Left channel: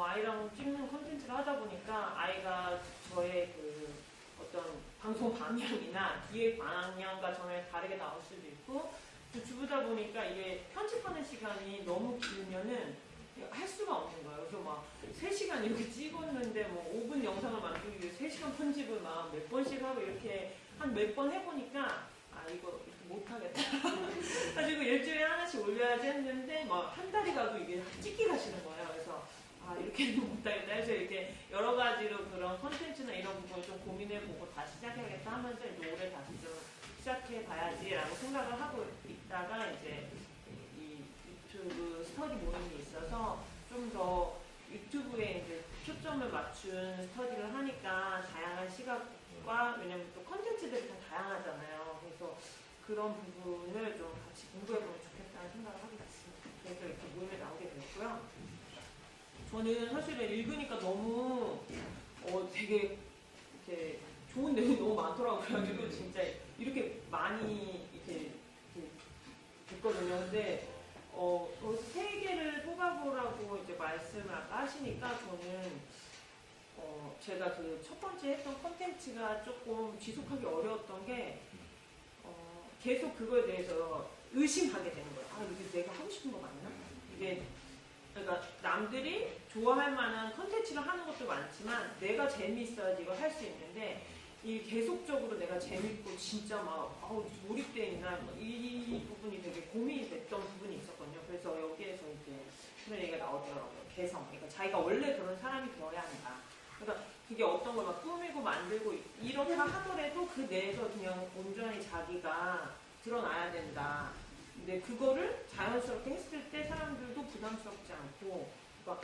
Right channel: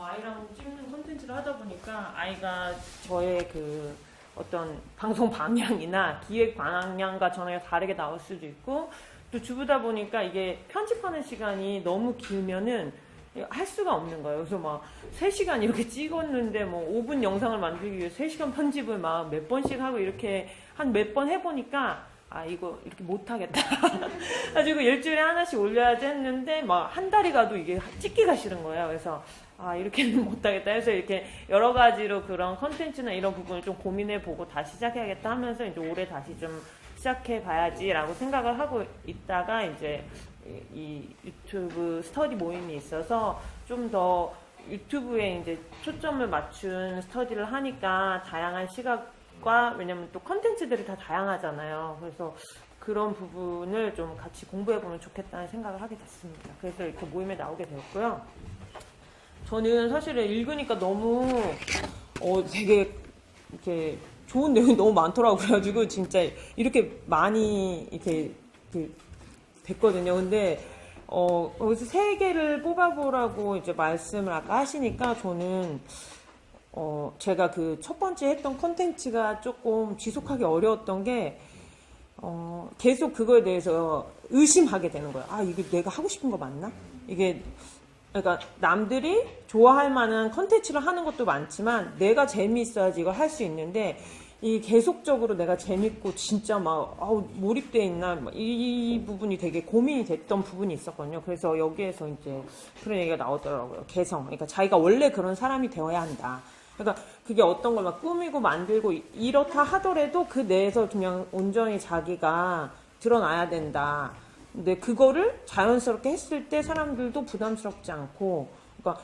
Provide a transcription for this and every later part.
아이랑 찍는 콘텐츠를 하다 보니까 아이가 저의 그 어떤 방송 방향이나 기획 방향과 전혀 다르게 나올 수도 있고, 또 주부다 보니까 이게 편집하는 시간이 너무 길면은 할 수가 없는 거예요. 그래서 막 3시간 이렇게 찍었는데 뭐 5분 영상을 만들기 위해 3시간 편집을 막 몇 번씩 하고 이렇게 한 몇 번 해보니까 아 이거 이렇게 못하겠다. 가지고 일주일에 하나씩 올려야지 했는데 막 한 달이 가도 이게 찍기가 싫은 거예요. 그래서 아 이렇게는 못하겠다 해서 이렇게 여러 가지로 그런 컨텐츠나 이런 부분을 좀 고민해보고 다시 시작해야겠다 하면서 이제 올해 다시 좀 시작해봐야지라고 생각을 하고 있다가 이제 이 유튜브 스터디 모임이 있어서 좀 더 유튜브에 이제 초점을 맞춘 스터디를 하니까 다양한 시각과, 왜냐면 또 컨텐츠들이 다 다양하잖아요. 그래서 그런 부분을 좀 같이 공부해보면 좋겠다는 생각을 하게 됐습니다. 그래서 이렇게 모임에 나오게 되었고요. 저는 사실은 읽으니까 너무 되게 이렇게 좋은 내용이 너무 많더라고요. 그래가지고 진짜 이렇게 많이 이렇게 됐거든요. 근데 여기서 3개를 뽑아보라고 이제 말씀을 아까 하시니까 저는 제가 그 첫 번째 했던 콘텐츠가 조금 지속하기 어려웠던 게 계속 그거에 대해서 의심하게 되는 거예요. 아 이게 내가 하고 싶은 거 맞나? 이게 그러니까 남들이 좋아할 만한 컨텐츠를 하는 것도 많지만 내가 재미있어야지 이걸 할 수 있는데, 이 계속적으로 내가 재밌고 진짜 막 몰입돼 있나 이 부분이 되게 고민이 됐던 부분이 있었거든요. 그래서 여기에서 이제 그런 얘기가 나오더라고요. 개성. 그러니까 자기가 원래 그런 사람이 되어야 한다. 그러니까 그게 어떤 걸 막 꾸미고 만들고 이렇다 하더라도 그 내에서 그냥 온전히 자기가 드러나야 된다. 근데 그거를 자연스럽게 했을 때 사람들도 부담스럽지 않고, 그러니까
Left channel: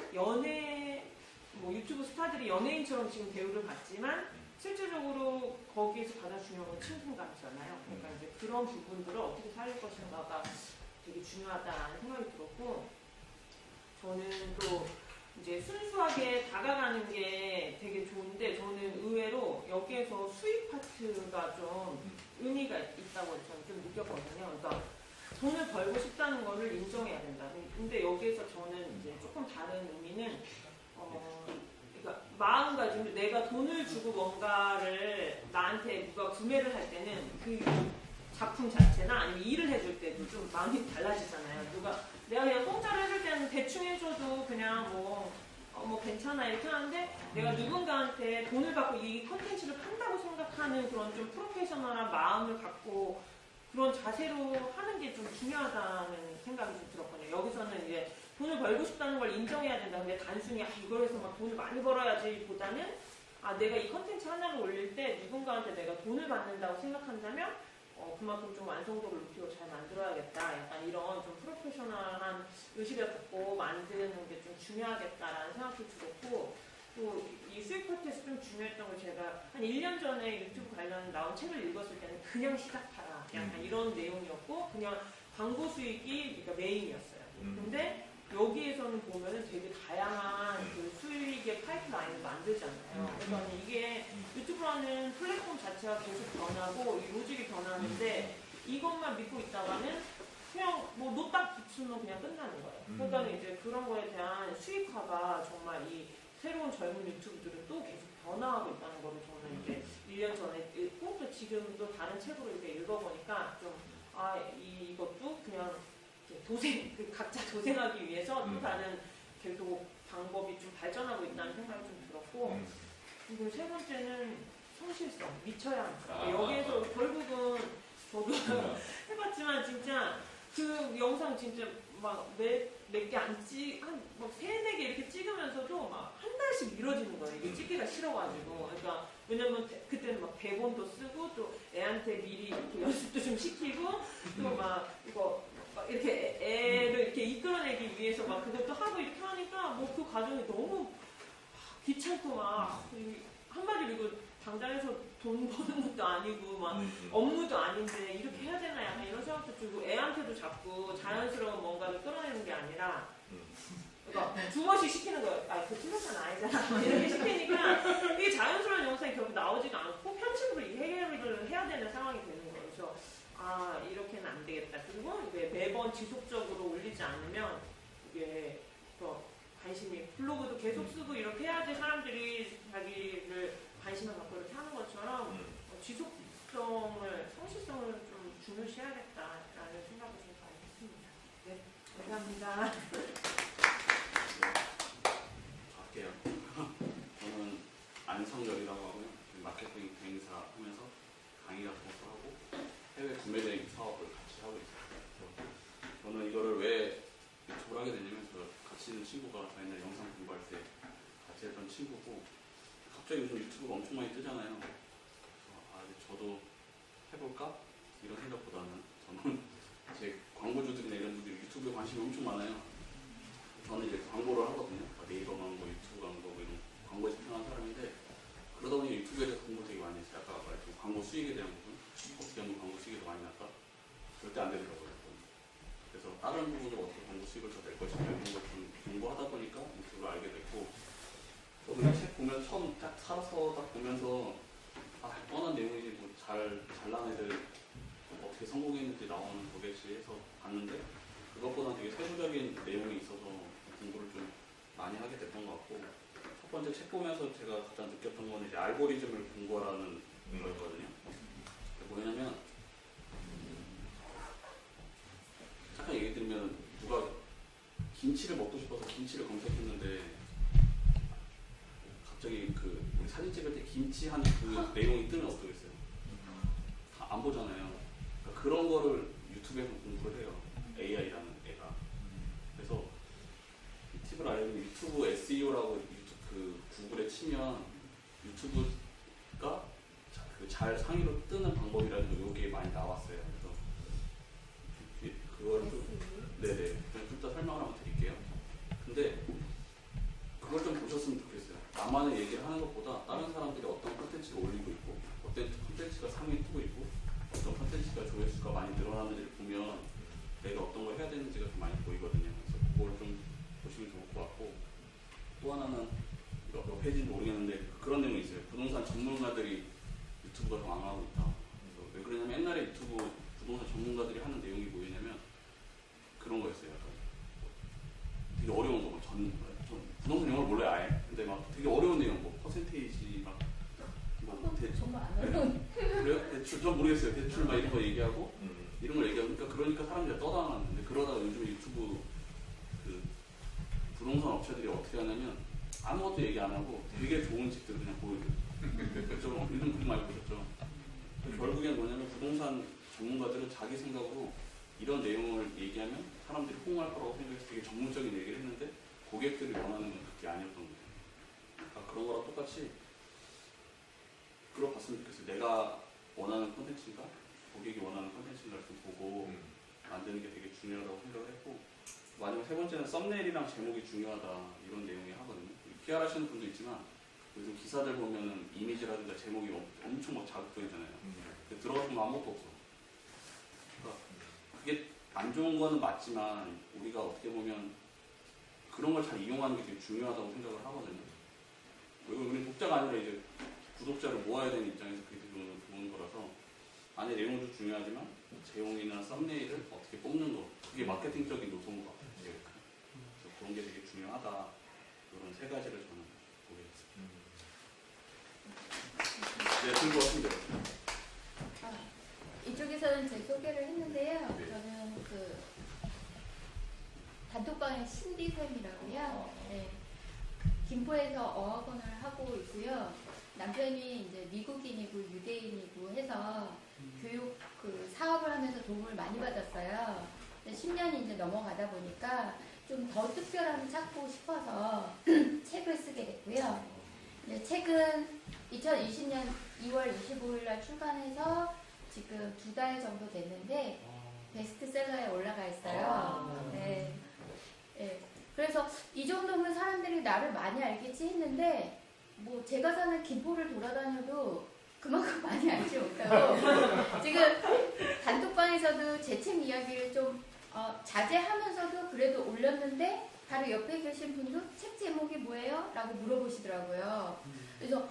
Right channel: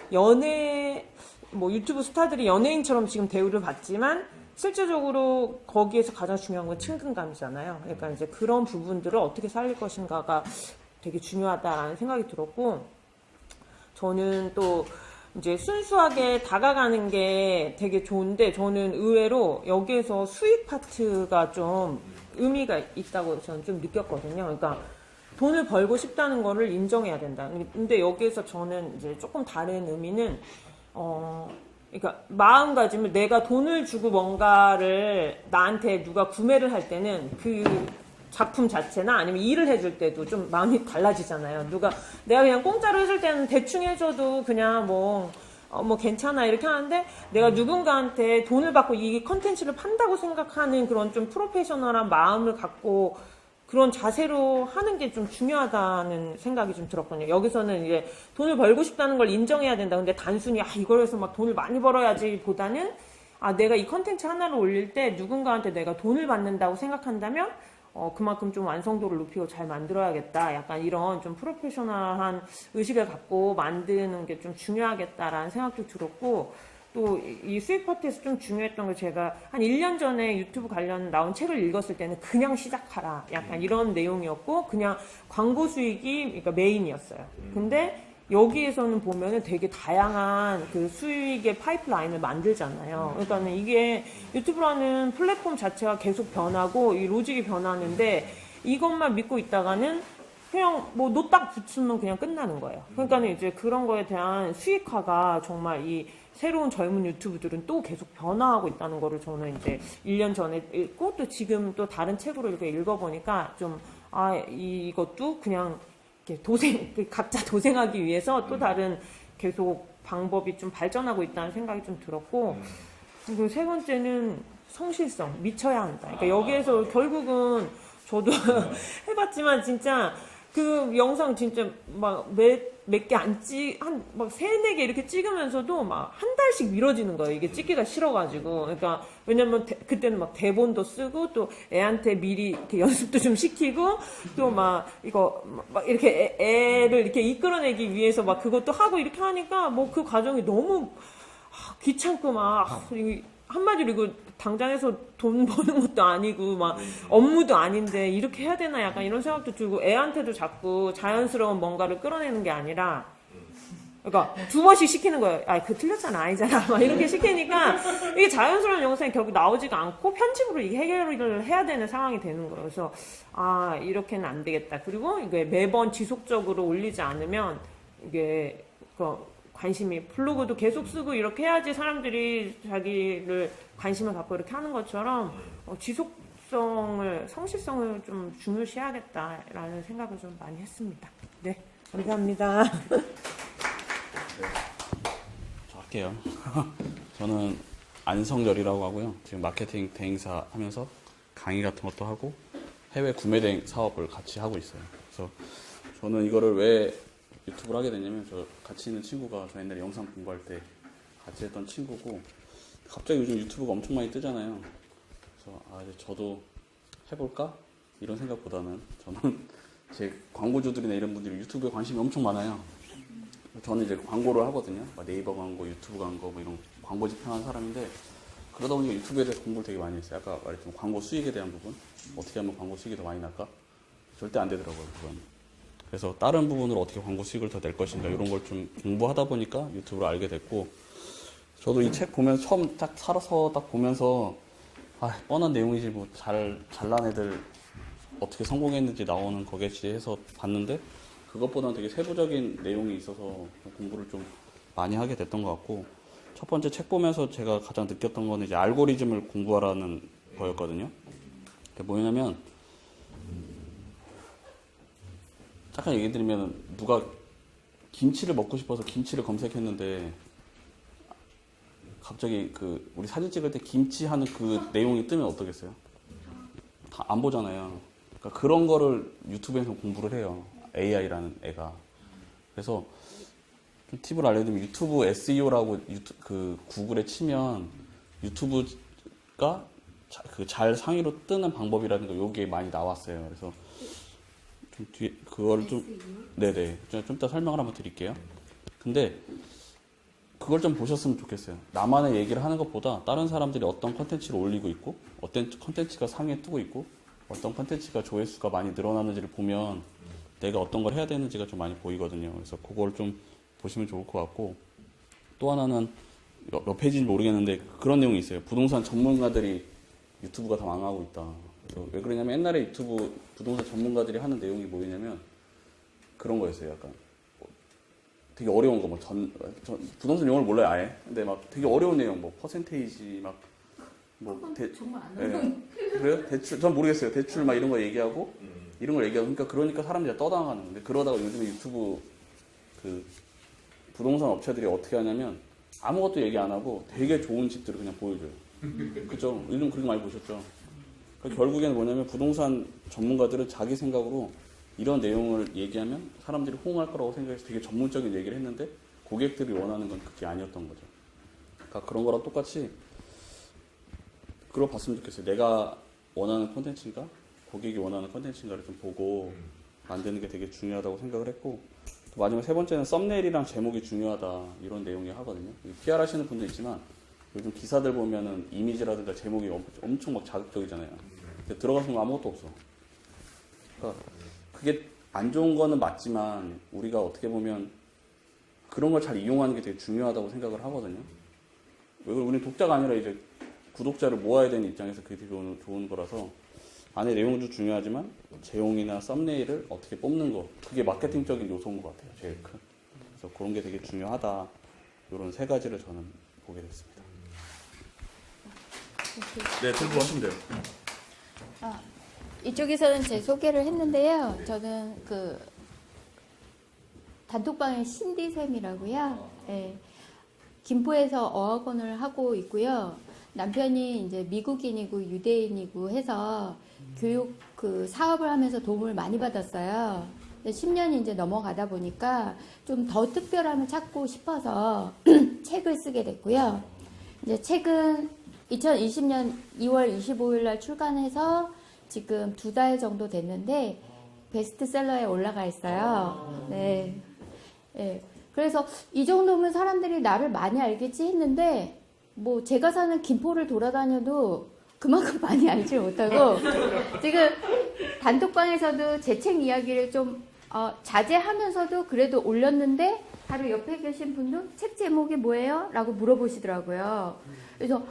뭐 유튜브 스타들이 연예인처럼 지금 대우를 받지만 실제적으로 거기에서 가장 중요한 건 친근감이잖아요. 그러니까 이제 그런 부분들을 어떻게 살릴 것인가가 되게 중요하다라는 생각이 들었고, 저는 또 이제 순수하게 다가가는 게 되게 좋은데, 저는 의외로 여기에서 수익 파트가 좀 의미가 있다고 저는 좀 느꼈거든요. 그러니까 돈을 벌고 싶다는 거를 인정해야 된다. 근데 여기에서 저는 이제 조금 다른 의미는, 그러니까 마음가짐을, 내가 돈을 주고 뭔가를 나한테 누가 구매를 할 때는 그 작품 자체나 아니면 일을 해줄 때도 좀 마음이 달라지잖아요. 내가 그냥 공짜로 해줄 때는 대충 해줘도 그냥 뭐 괜찮아 이렇게 하는데, 내가 누군가한테 돈을 받고 이 컨텐츠를 판다고 생각하는 그런 좀 프로페셔널한 마음을 갖고 그런 자세로 하는 게 좀 중요하다는 생각이 좀 들었거든요. 여기서는 이제 돈을 벌고 싶다는 걸 인정해야 된다. 근데 단순히 이걸 해서 막 돈을 많이 벌어야지 보다는, 내가 이 컨텐츠 하나를 올릴 때 누군가한테 내가 돈을 받는다고 생각한다면 그만큼 좀 완성도를 높이고 잘 만들어야겠다. 약간 이런 좀 프로페셔널한 의식을 갖고 만드는 게 좀 중요하겠다라는 생각도 들었고, 또 이 수익 파트에서 좀 중요했던 걸, 제가 한 1년 전에 유튜브 관련 나온 책을 읽었을 때는 그냥 시작하라 약간 이런 내용이었고, 그냥 광고 수익이 그러니까 메인이었어요. 근데 여기에서는 보면은 되게 다양한 그 수익의 파이프라인을 만들잖아요. 그러니까는 이게 유튜브라는 플랫폼 자체가 계속 변하고 이 로직이 변하는데, 이것만 믿고 있다가는 그냥 뭐 노딱 붙으면 그냥 끝나는 거예요. 그러니까는 이제 그런 거에 대한 수익화가 정말 이 새로운 젊은 유튜브들은 또 계속 변화하고 있다는 거를 저는 이제 1년 전에 읽고, 또 지금 또 다른 책으로 이렇게 읽어보니까 좀 이것도 그냥 이렇게 각자 도생하기 위해서 또 다른 계속 방법이 좀 발전하고 있다는 생각이 좀 들었고, 그리고 3번째는 성실성, 미쳐야 한다. 그러니까 여기에서 결국은 저도 해봤지만 진짜 그 영상 진짜 막 몇 개 막 3-4개 이렇게 찍으면서도 막 한 달씩 미뤄지는 거예요. 이게 찍기가 싫어가지고. 그러니까 왜냐면 그때는 막 대본도 쓰고 또 애한테 미리 이렇게 연습도 좀 시키고, 또 막 이거 막 이렇게 애를 이렇게 이끌어내기 위해서 막 그것도 하고 이렇게 하니까 뭐 그 과정이 너무 귀찮고 막 한마디로 이거 당장에서 돈 버는 것도 아니고 막 업무도 아닌데 이렇게 해야 되나 약간 이런 생각도 들고, 애한테도 자꾸 자연스러운 뭔가를 끌어내는 게 아니라, 그러니까 2번씩 시키는 거예요. 그거 틀렸잖아, 아니잖아 막 이렇게 시키니까 이게 자연스러운 영상이 결국 나오지가 않고 편집으로 이게 해결을 해야 되는 상황이 되는 거예요. 그래서 이렇게는 안 되겠다. 그리고 이게 매번 지속적으로 올리지 않으면 이게 관심이 블로그도 계속 쓰고 이렇게 해야지 사람들이 자기를 관심을 갖고 이렇게 하는 것처럼 지속성을 성실성을 좀 중요시해야겠다라는 생각을 좀 많이 했습니다. 네, 감사합니다. 할게요. 저는 안성열이라고 하고요. 지금 마케팅 대행사 하면서 강의 같은 것도 하고 해외 구매 대행 사업을 같이 하고 있어요. 그래서 저는 이거를 왜 유튜브를 하게 됐냐면 저 같이 있는 친구가 저 옛날에 영상 공부할 때 같이 했던 친구고 갑자기 요즘 유튜브가 엄청 많이 뜨잖아요. 그래서 저도 해볼까? 이런 생각보다는 저는 제 광고주들이나 이런 분들이 유튜브에 관심이 엄청 많아요. 저는 이제 광고를 하거든요. 네이버 광고, 유튜브 광고 뭐 이런 광고 집행하는 사람인데 그러다 보니까 유튜브에 대해서 공부를 되게 많이 했어요. 아까 말했지만 광고 수익에 대한 부분 어떻게 하면 광고 수익이 더 많이 날까? 절대 안 되더라고요. 그건. 그래서 다른 부분으로 어떻게 광고 수익을 더 낼 것인가 이런 걸 좀 공부하다 보니까 유튜브를 알게 됐고 저도 이 책 보면 처음 딱 살아서 딱 보면서 뻔한 내용이지 뭐 잘난 애들 어떻게 성공했는지 나오는 거겠지 해서 봤는데 그것보다는 되게 세부적인 내용이 있어서 공부를 좀 많이 하게 됐던 것 같고 첫 번째 책 보면서 제가 가장 느꼈던 거는 이제 알고리즘을 공부하라는 거였거든요. 그게 뭐냐면 잠깐 얘기 드리면 누가 김치를 먹고 싶어서 김치를 검색했는데 갑자기 우리 사진 찍을 때 김치 하는 그 내용이 뜨면 어떠겠어요? 다 안 보잖아요. 그러니까 그런 거를 유튜브에서 공부를 해요. AI라는 애가. 그래서 좀 팁을 알려드리면 유튜브 SEO라고 구글에 치면 유튜브가 잘 상위로 뜨는 방법이라든가 요게 많이 나왔어요. 그래서 좀 뒤에 그걸 좀 네네 좀 이따 설명을 한번 드릴게요. 근데 그걸 좀 보셨으면 좋겠어요. 나만의 얘기를 하는 것보다 다른 사람들이 어떤 컨텐츠를 올리고 있고 어떤 컨텐츠가 상위에 뜨고 있고 어떤 컨텐츠가 조회수가 많이 늘어나는지를 보면 내가 어떤 걸 해야 되는지가 좀 많이 보이거든요. 그래서 그걸 좀 보시면 좋을 것 같고 또 하나는 몇 페이지인지 모르겠는데 그런 내용이 있어요. 부동산 전문가들이 유튜브가 다 망하고 있다. 왜 그러냐면 옛날에 유튜브 부동산 전문가들이 하는 내용이 뭐냐면 그런 거였어요. 약간 되게 어려운 거, 부동산 용어를 몰라요 아예. 근데 막 되게 어려운 내용, 퍼센테이지 정말 안 어려운. 그래요? 대출 전 모르겠어요. 대출 이런 거 얘기하고 이런 걸 얘기하고 그러니까 사람들이 떠당하는데 그러다가 요즘에 유튜브 부동산 업체들이 어떻게 하냐면 아무것도 얘기 안 하고 되게 좋은 집들을 그냥 보여줘요. 그죠? 요즘 그런 거 많이 보셨죠? 결국에는 뭐냐면 부동산 전문가들은 자기 생각으로 이런 내용을 얘기하면 사람들이 호응할 거라고 생각해서 되게 전문적인 얘기를 했는데 고객들이 원하는 건 그게 아니었던 거죠. 그러니까 그런 거랑 똑같이 그걸 봤으면 좋겠어요. 내가 원하는 콘텐츠인가 고객이 원하는 콘텐츠인가를 좀 보고 만드는 게 되게 중요하다고 생각을 했고 마지막 세 번째는 썸네일이랑 제목이 중요하다 이런 내용이 하거든요. PR 하시는 분도 있지만 요즘 기사들 보면은 이미지라든가 제목이 엄청 자극적이잖아요. 근데 들어가서 아무것도 없어. 그러니까 그게 안 좋은 거는 맞지만 우리가 어떻게 보면 그런 걸 잘 이용하는 게 되게 중요하다고 생각을 하거든요. 우리 독자가 아니라 이제 구독자를 모아야 되는 입장에서 그게 되게 좋은 거라서 안에 내용도 중요하지만 제용이나 썸네일을 어떻게 뽑는 거 그게 마케팅적인 요소인 것 같아요. 제일 큰. 그래서 그런 게 되게 중요하다. 이런 세 가지를 저는 보게 됐습니다. 네, 공부하시면 돼요. 이쪽에서는 제 소개를 했는데요. 저는 단톡방의 신디쌤이라고요. 네. 김포에서 어학원을 하고 있고요. 남편이 이제 미국인이고 유대인이고 해서 교육 사업을 하면서 도움을 많이 받았어요. 10년이 이제 넘어가다 보니까 좀 더 특별함을 찾고 싶어서 책을 쓰게 됐고요. 이제 책은 2020년 2월 25일 날 출간해서 지금 2달 정도 됐는데 베스트셀러에 올라가 있어요. 네. 네. 그래서 이 정도면 사람들이 나를 많이 알겠지 했는데 제가 사는 김포를 돌아다녀도 그만큼 많이 알지 못하고 지금 단톡방에서도 제 책 이야기를 좀 자제하면서도 그래도 올렸는데 바로 옆에 계신 분도 책 제목이 뭐예요? 라고 물어보시더라고요. 그래서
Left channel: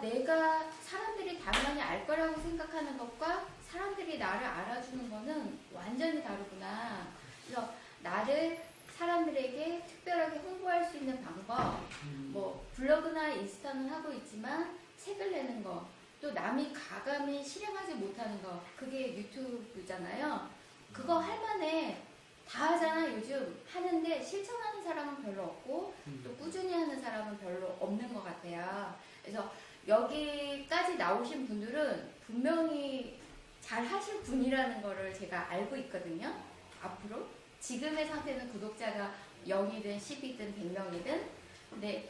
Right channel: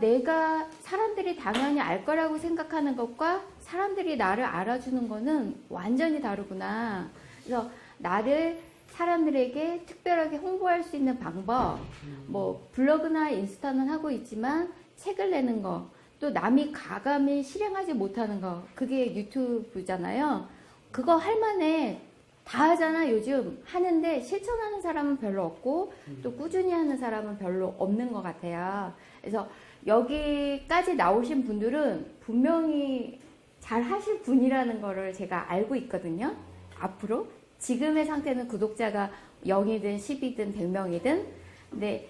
내가 사람들이 당연히 알 거라고 생각하는 것과 사람들이 나를 알아주는 거는 완전히 다르구나. 그래서 나를 사람들에게 특별하게 홍보할 수 있는 방법, 뭐 블로그나 인스타는 하고 있지만 책을 내는 거, 또 남이 가감히 실행하지 못하는 거, 그게 유튜브잖아요. 그거 할 만해. 다 하잖아 요즘. 하는데 실천하는 사람은 별로 없고 또 꾸준히 하는 사람은 별로 없는 것 같아요. 그래서 여기까지 나오신 분들은 분명히 잘 하실 분이라는 거를 제가 알고 있거든요. 앞으로 지금의 상태는 구독자가 0이든 10이든 100명이든, 근데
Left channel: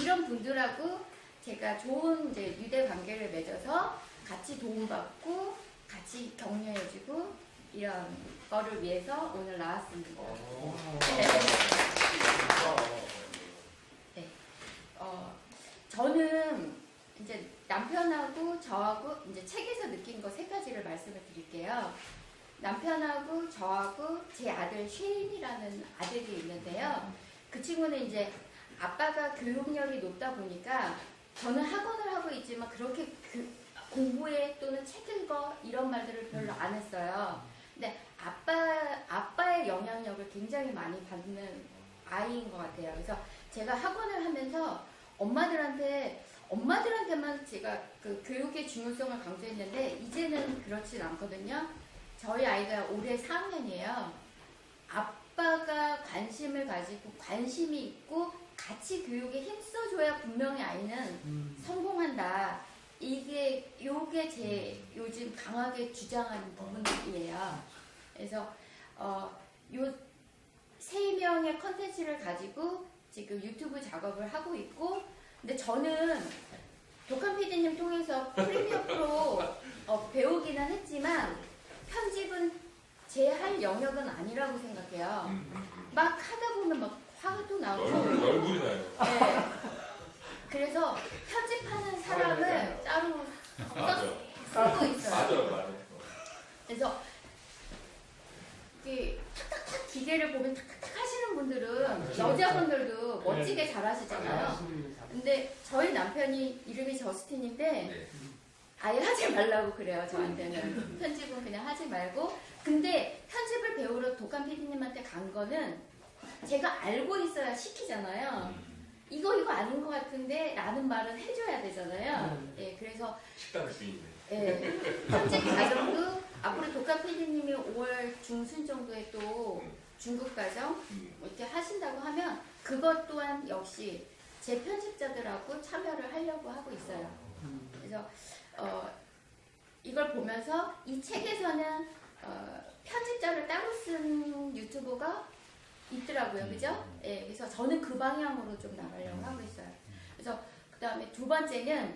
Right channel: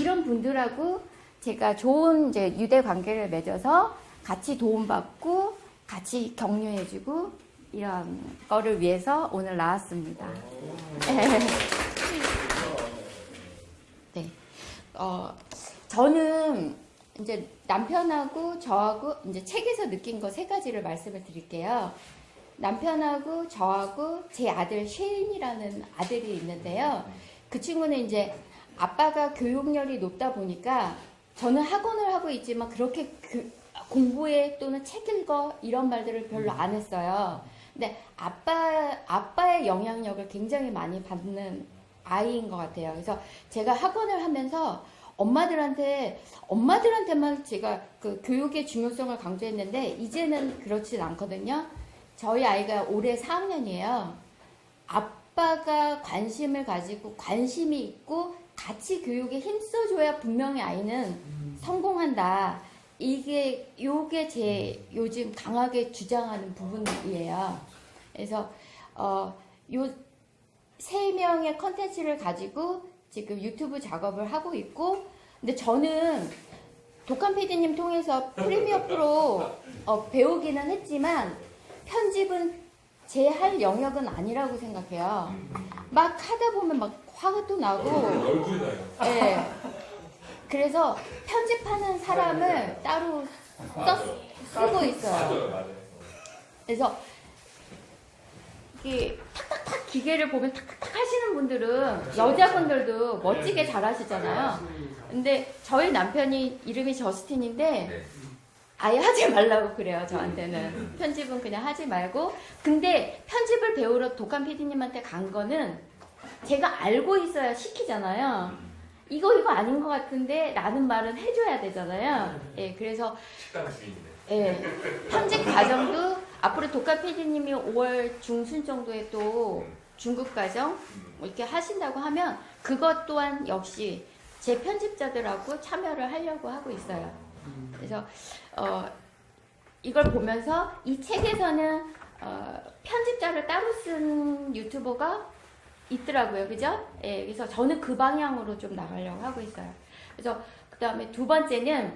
이런 분들하고 제가 좋은 이제 유대 관계를 맺어서 같이 도움받고 같이 격려해주고 이런 거를 위해서 오늘 나왔습니다. 네. 저는 이제 남편하고 저하고 이제 책에서 느낀 거 3가지를 말씀을 드릴게요. 남편하고 저하고 제 아들 쉐인이라는 아들이 있는데요. 그 친구는 이제 아빠가 교육열이 높다 보니까 저는 학원을 하고 있지만 그렇게 공부해 또는 책 읽어 이런 말들을 별로 안 했어요. 근데 아빠의 영향력을 굉장히 많이 받는 아이인 것 같아요. 그래서 제가 학원을 하면서 엄마들한테만 제가 그 교육의 중요성을 강조했는데 이제는 그렇진 않거든요. 저희 아이가 올해 4학년이에요. 아빠가 관심을 가지고 관심이 있고 같이 교육에 힘써줘야 분명히 아이는 성공한다. 요게 제 요즘 강하게 주장하는 부분이에요. 그래서 요 3명의 컨텐츠를 가지고 지금 유튜브 작업을 하고 있고, 근데 저는 독한 PD님 통해서 프리미어 프로 배우기는 했지만 편집은 제 할 영역은 아니라고 생각해요. 막 하다 보면 막 화도 나고 얼굴이 나요. 네. 그래서 편집하는 사람을 따로 쓰고 있어요. 맞아요. 그래서 이게 탁탁탁 기계를 보면 탁탁탁 하시는 분들은 여자분들도 멋지게 잘하시잖아요. 근데 저희 남편이 이름이 저스틴인데 아예 하지 말라고 그래요. 저한테는 편집은 그냥 하지 말고. 근데 편집을 배우러 독한 PD님한테 간 거는 제가 알고 있어야 시키잖아요. 이거 아닌 것 같은데 라는 말은 해줘야 되잖아요. 예, 그래서 식당 주인이네. 예, 편집 과정도 앞으로 독한 PD님이 5월 중순 정도에 또 중급 과정 뭐 이렇게 하신다고 하면 그것 또한 역시 제 편집자들하고 참여를 하려고 하고 있어요. 그래서 이걸 보면서 이 책에서는 편집자를 따로 쓴 유튜버가 있더라고요. 그죠? 예, 그래서 저는 그 방향으로 좀 나가려고 하고 있어요. 그래서 그 다음에 2번째는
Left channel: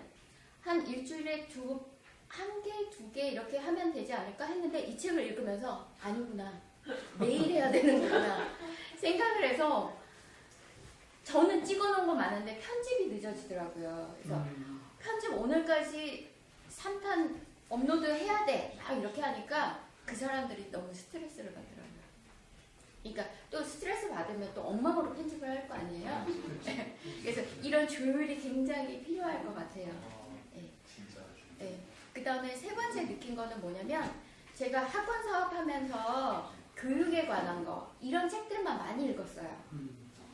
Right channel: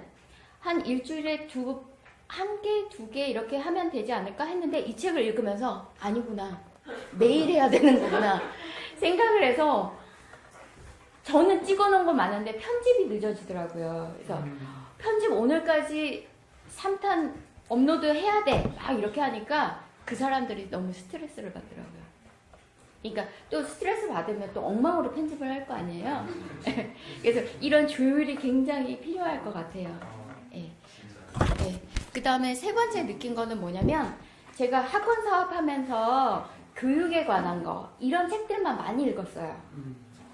한 일주일에 1개, 2개 이렇게 하면 되지 않을까 했는데 이 책을 읽으면서 아니구나. 매일 해야 되는 거구나. 생각을 해서 저는 찍어놓은 거 많은데 편집이 늦어지더라고요. 그래서 편집 오늘까지 3탄 업로드 해야 돼. 막 이렇게 하니까 그 사람들이 너무 스트레스를 받더라고요. 그러니까 또 스트레스 받으면 또 엉망으로 편집을 할 거 아니에요. 그래서 이런 조율이 굉장히 필요할 것 같아요. 예. 예. 그 다음에 3번째 느낀 거는 뭐냐면 제가 학원 사업하면서 교육에 관한 거 이런 책들만 많이 읽었어요.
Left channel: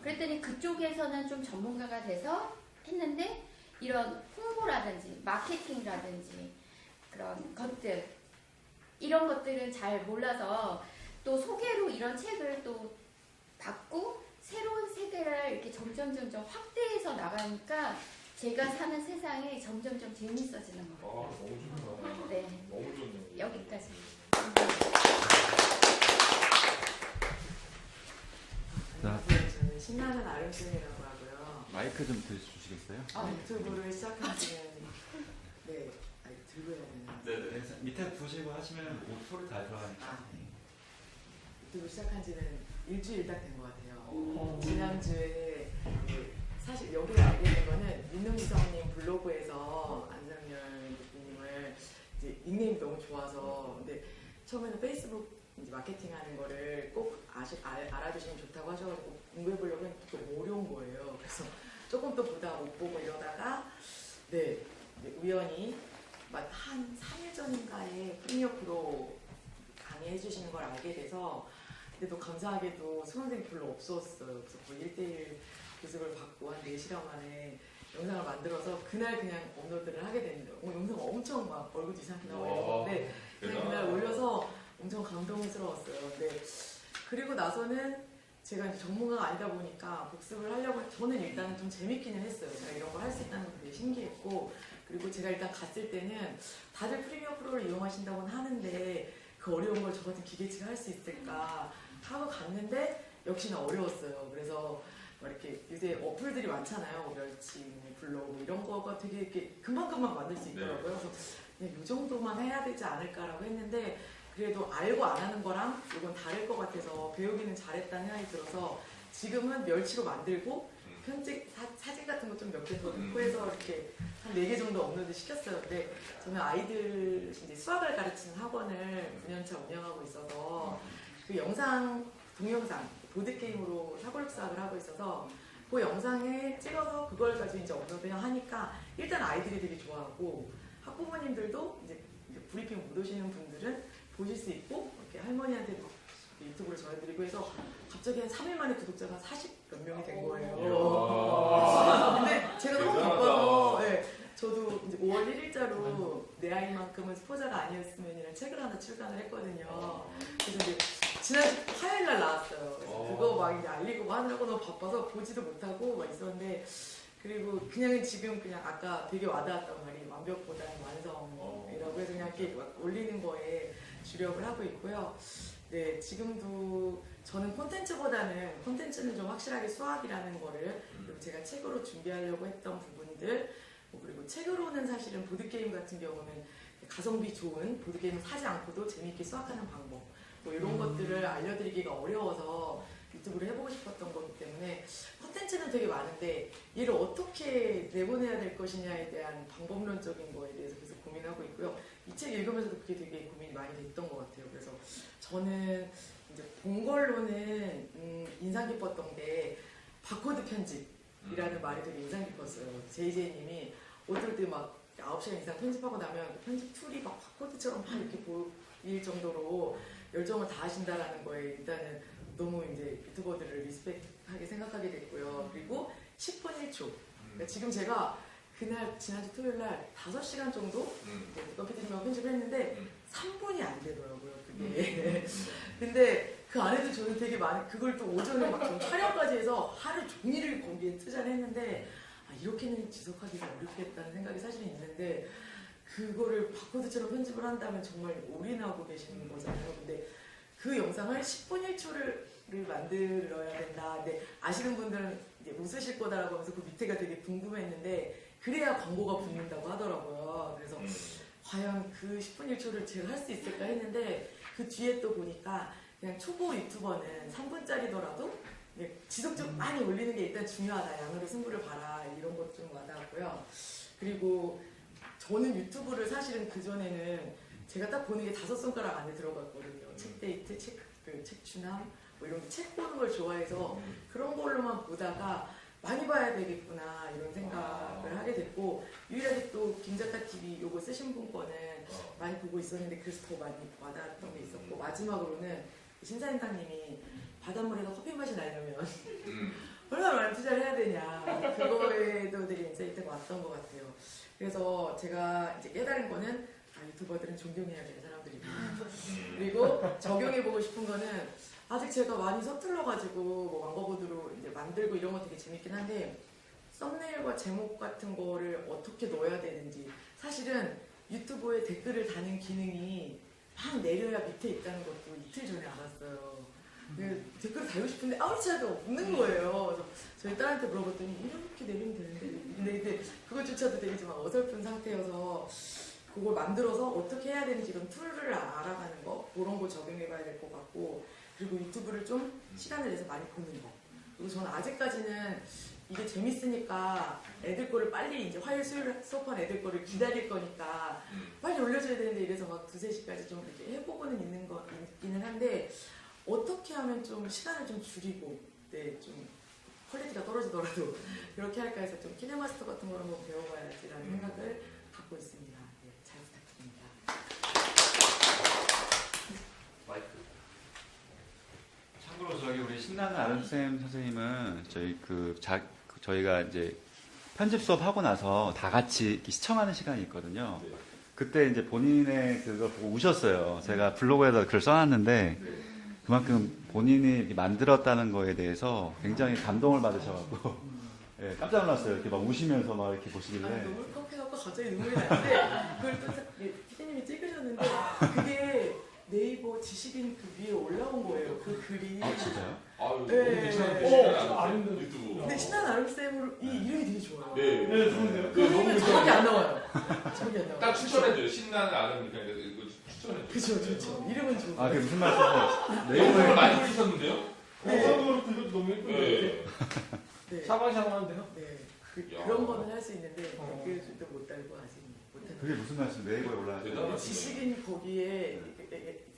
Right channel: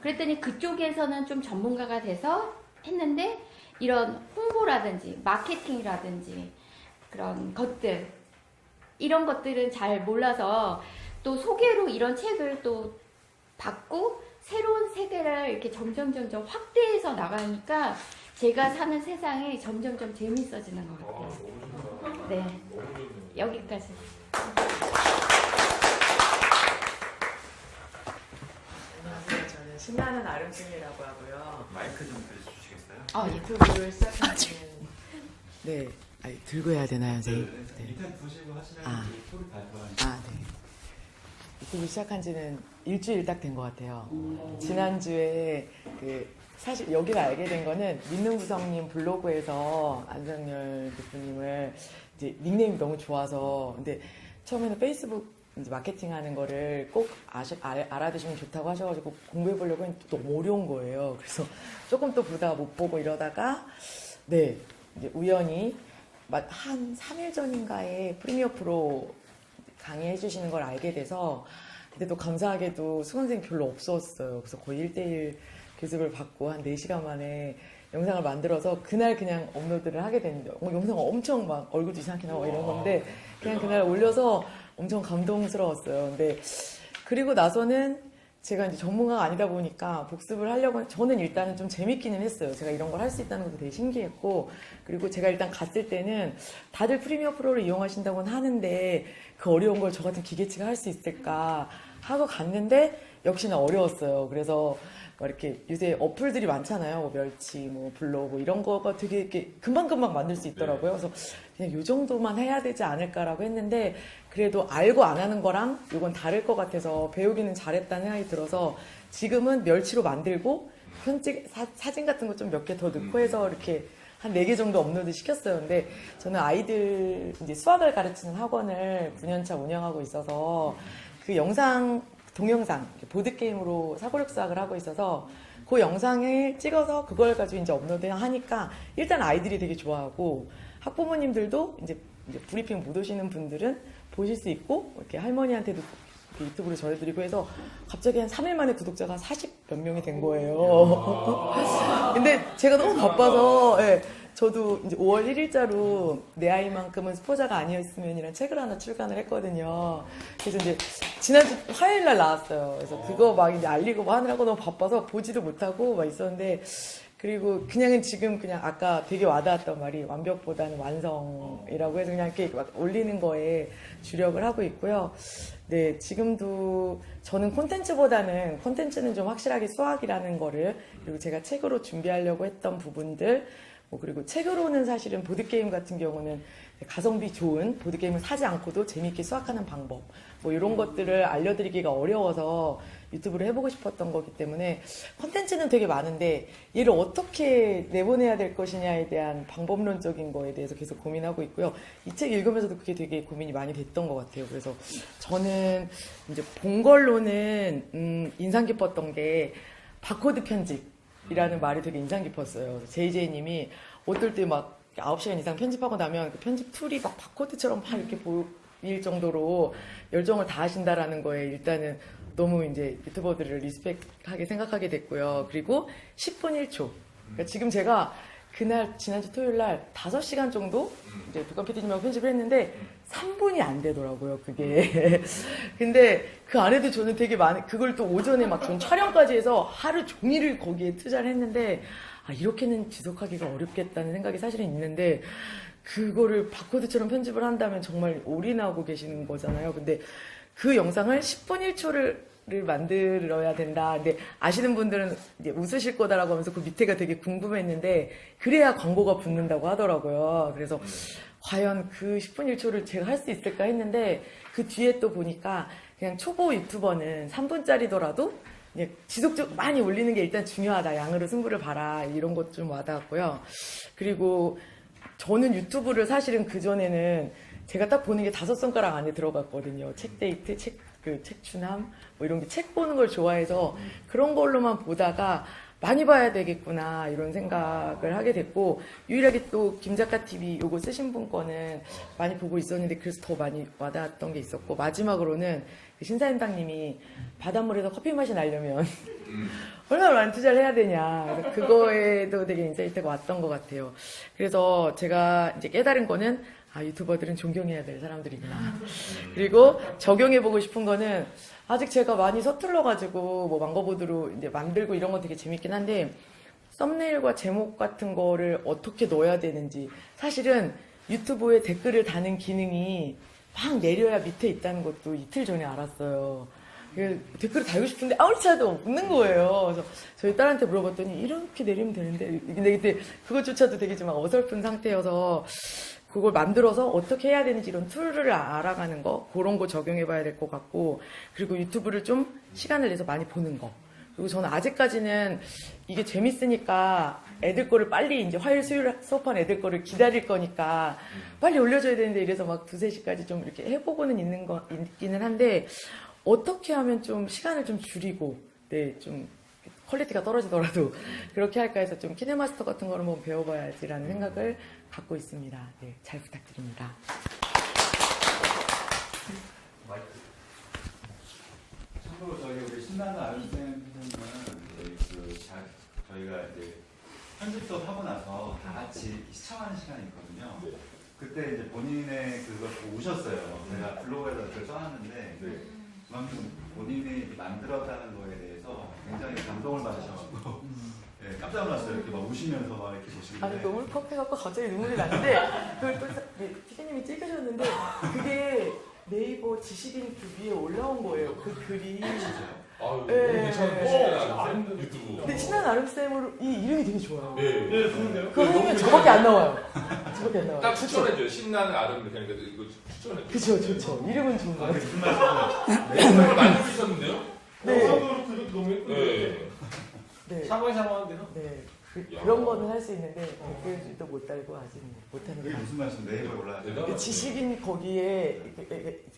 그랬더니 그쪽에서는 좀 전문가가 돼서 했는데 이런 홍보라든지 마케팅이라든지 그런 것들 이런 것들은 잘 몰라서 또 소개로 이런 책을 또 받고 새로운 세계를 이렇게 점점 확대해서 나가니까 제가 사는 세상이 점점 재밌어지는 것 같아요. 너무 좋다. 네, 너무 좋네요. 여기까지. 저는 신나는 아름님이라고 하고요. 마이크 좀 들어주시겠어요? 유튜브를 시작한 지는 네, 아니, 들고 해야 되나요, 선생님? 네. 밑에 보시고 하시면 아. 소리 잘 들어가니까. 네. 유튜브 시작한 지는 일주일 딱 된 것 같아요. 지난주에 사실 여기를 알게 된 거는 믿는 부성님 블로그에서 안상열 대표님을 이제 닉네임이 너무 좋아서 근데 처음에는 페이스북 이제 마케팅 하는 거를 꼭 알아두시면 좋다고 하셔가지고 공부해 보려고 했는데 너무 어려운 거예요. 그래서 조금 또 보다가 못 보고 이러다가 네 이제 우연히 한 3일 전인가에 프리미어 프로 강의해 주시는 걸 알게 돼서 근데 또 감사하게도 수강생이 별로 없었어요. 그래서 거의 1대1 교습을 받고 한 4시간 만에 영상을 만들어서 그날 그냥 업로드를 하게 됐는데 영상 엄청 막 얼굴도 이상하게 나와 이런 건데 그냥 그날 올려서 엄청 감동스러웠어요. 근데 그리고 나서는 제가 이제 전문가가 아니다 보니까 복습을 하려고 저는 일단은 좀 재밌기는 했어요. 제가 이런 걸 할 수 있다는 것도 되게 신기했고 그리고 제가 일단 갔을 때는 다들 프리미어 프로를 이용하신다고는 하는데 그 어려운 걸 저 같은 기계치가 할 수 있을까 하고 갔는데 역시나 어려웠어요. 그래서 막 이렇게 요새 어플들이 많잖아요. 뭐 멸치, 뭐 블로그 뭐 이런 거가 되게 이렇게 금방금방 만들 수 있더라고요. 그래서 그냥 요 정도만 해야 되지 않을까라고 했는데 그래도 알고 안 하는 거랑 이건 다를 것 같아서 배우기는 잘했다는 생각이 들어서 지금은 멸치로 만들고 편집 사진 같은 거 좀 몇 개 더 넣고 해서 이렇게 한 4개 정도 업로드 시켰어요. 근데 저는 아이들 이제 수학을 가르치는 학원을 9년차 운영하고 있어서 그 동영상 보드게임으로 사고력 수학을 하고 있어서 그 영상을 찍어서 그걸 가지고 이제 업로드 하니까 일단 아이들이 되게 좋아하고 학부모님들도 이제 브리핑 못 오시는 분들은 보실 수 있고 이렇게 할머니한테도 유튜브를 전해드리고 해서 갑자기 한 3일 만에 구독자가 40몇 명이 된 거예요. 근데 제가 너무 바빠서 저도 이제 5월 1일자로 내 아이만큼은 스포자가 아니었으면이란 책을 하나 출간을 했거든요. 그래서 이제 지난주 화요일 날 나왔어요. 그래서 그거 막 이제 알리고 뭐 하느라고 너무 바빠서 보지도 못하고 막 있었는데 그리고 그냥은 지금 그냥 아까 되게 와닿았던 말이 완벽보다는 완성이라고 해서 그냥 이렇게 막 올리는 거에 주력을 하고 있고요. 네, 지금도 저는 콘텐츠는 좀 확실하게 수학이라는 거를 그리고 제가 책으로 준비하려고 했던 부분들 그리고 책으로는 사실은 보드게임 같은 경우는 가성비 좋은 보드게임을 사지 않고도 재미있게 수학하는 방법 이런 것들을 알려드리기가 어려워서 유튜브를 해보고 싶었던 거기 때문에 콘텐츠는 되게 많은데 얘를 어떻게 내보내야 될 것이냐에 대한 방법론적인 거에 대해서 계속 고민하고 있고요. 이 책 읽으면서도 그게 되게 고민이 많이 됐던 것 같아요. 그래서 저는 이제 본 걸로는 인상 깊었던 게 바코드 편집이라는 말이 되게 인상 깊었어요. JJ님이 어떨 때 막 9시간 이상 편집하고 나면 그 편집 툴이 막 바코드처럼 막 이렇게 보일 정도로 열정을 다하신다라는 거에 일단은 너무 이제 유튜버들을 리스펙하게 생각하게 됐고요. 그리고 10분 1초. 그러니까 지금 제가 그날 지난주 토요일 날 5시간 정도 이제 북한 PD님하고 편집을 했는데 3분이 안 되더라고요. 그게. 근데 그 안에도 저는 되게 그걸 또 오전에 막 전 촬영까지 해서 하루 종일을 거기에 투자를 했는데 이렇게는 지속하기가 어렵겠다는 생각이 사실은 있는데 그거를 바코드처럼 편집을 한다면 정말 올인하고 계시는 거잖아요. 근데 그 영상을 10분 1초를 만들어야 된다. 근데 아시는 분들은 이제 웃으실 거다라고 하면서 그 밑에가 되게 궁금했는데 그래야 광고가 붙는다고 하더라고요. 그래서 과연 그 10분 1초를 제가 할 수 있을까 했는데 그 뒤에 또 보니까 그냥 초보 유튜버는 3분짜리더라도 지속적으로 많이 올리는 게 일단 중요하다. 양으로 승부를 봐라. 이런 것 좀 와닿았고요. 그리고 저는 유튜브를 사실은 그전에는 제가 딱 보는 게 5손가락 안에 들어갔거든요. 책 데이트, 책추남, 이런 게 책 보는 걸 좋아해서 그런 걸로만 보다가 많이 봐야 되겠구나 이런 생각을 하게 됐고 유일하게 또 김작가 TV 요거 쓰신 분 거는 많이 보고 있었는데 그래서 더 많이 와닿았던 게 있었고 마지막으로는 신사임당님이 바닷물에서 커피 맛이 나려면 얼마나 많이 투자를 해야 되냐. 그래서 그거에도 되게 인사이트가 왔던 것 같아요. 그래서 제가 이제 깨달은 거는 유튜버들은 존경해야 될 사람들이구나. 그리고 적용해보고 싶은 거는 아직 제가 많이 서툴러가지고 뭐 망고보드로 이제 만들고 이런 거 되게 재밌긴 한데 썸네일과 제목 같은 거를 어떻게 넣어야 되는지 사실은 유튜브에 댓글을 다는 기능이 막 내려야 밑에 있다는 것도 이틀 전에 알았어요. 댓글을 달고 싶은데 아무리 찾아도 없는 거예요. 그래서 저희 딸한테 물어봤더니 이렇게 내리면 되는데 근데 그때 그것조차도 되게 좀 어설픈 상태여서 그걸 만들어서 어떻게 해야 되는지 이런 툴을 알아가는 거 그런 거 적용해봐야 될 것 같고 그리고 유튜브를 좀 시간을 내서 많이 보는 거 그리고 저는 아직까지는 이게 재밌으니까 애들 거를 빨리 이제 화요일 수요일 수업한 애들 거를 기다릴 거니까 빨리 올려줘야 되는데 이래서 막 2, 3시까지 좀 이렇게 해보고는 있기는 한데 어떻게 하면 좀 시간을 좀 줄이고 좀 퀄리티가 떨어지더라도 그렇게 할까 해서 좀 키네마스터 같은 걸 한번 배워봐야지라는 생각을 갖고 있습니다. 네, 잘 부탁드립니다. 참고로 저기 우리 신나는 아름쌤 선생님은 저희가 이제 편집 수업 하고 나서 다 같이 이렇게 시청하는 시간이 있거든요. 네. 그때 이제 본인의 그거 보고 우셨어요. 제가 블로그에다 글 써놨는데 네. 그만큼 본인이 만들었다는 거에 대해서 굉장히 감동을 받으셔가지고 네, 깜짝 놀랐어요. 이렇게 막 우시면서 막 이렇게 보시길래. 아니 너무 컵해갖고 갑자기 눈물이 나는데 그걸 또 피디님이 찍으셨는데 그게 네이버 지식인 그 위에 올라온 거예요. 그 글이. 아, 너무 네. 괜찮은 아는 유튜브. 근데 신나는 아름쌤으로 이 이름이 되게 좋아요. 네, 좋은데요? 그러면 저밖에 안 나와요. 저밖에 안 나와요. 딱 추천해줘요. 신나는 아름 그러니까 이거 추천해줘요. 그쵸, 좋죠. 이름은 좋은데. 아, 무슨 말씀이세요? 네, 많이 쓰셨는데요? 네. 이것도 너무 예쁘네. 네. 샤방샤방한데요? 네. 야. 그런 거는 할 수 있는데 그게 못 달고 아직 못하는 그게 무슨 말씀? 네이버에 올라왔어요. 대단하다. 지식인 거기에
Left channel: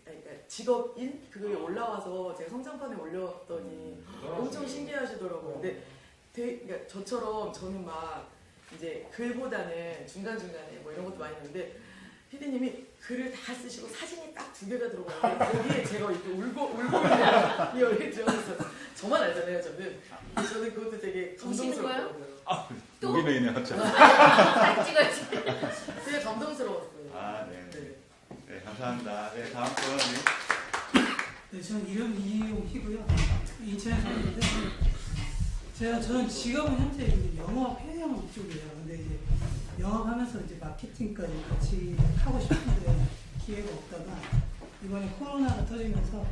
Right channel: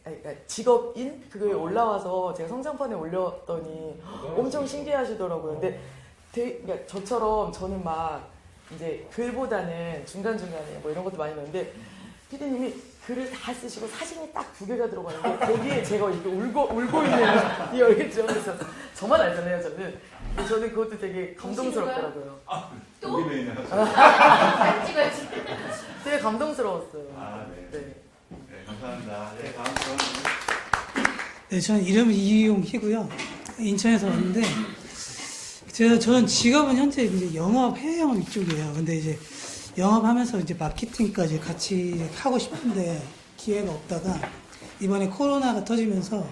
그러니까 직업인 그게 올라와서 제가 성장판에 올렸더니 엄청 신기하시더라고요. 근데 그러니까 저처럼 저는 막 이제 글보다는 중간중간에 뭐 이런 것도 많이 넣는데 피디님이 글을 다 쓰시고 사진이 딱 2개가 들어가는데 거기에 제가 이렇게 울고 있는 이 얼굴 들어있어서 저만 알잖아요. 저는 그것도 되게 감동스럽더라고요. 여기 있냐? 딱 찍었지. 되게 감동스러웠어요. 아, 네. 네. 네, 감사합니다. 네, 다음 분. 네, 저는 이름은 이용희고요. 인천에서 왔는데 저는 직업은 현재 이제 영업 해외 영업 이쪽이에요. 근데 이제 영업하면서 이제 마케팅까지 같이 하고 싶은데 기회가 없다가 이번에 코로나가 터지면서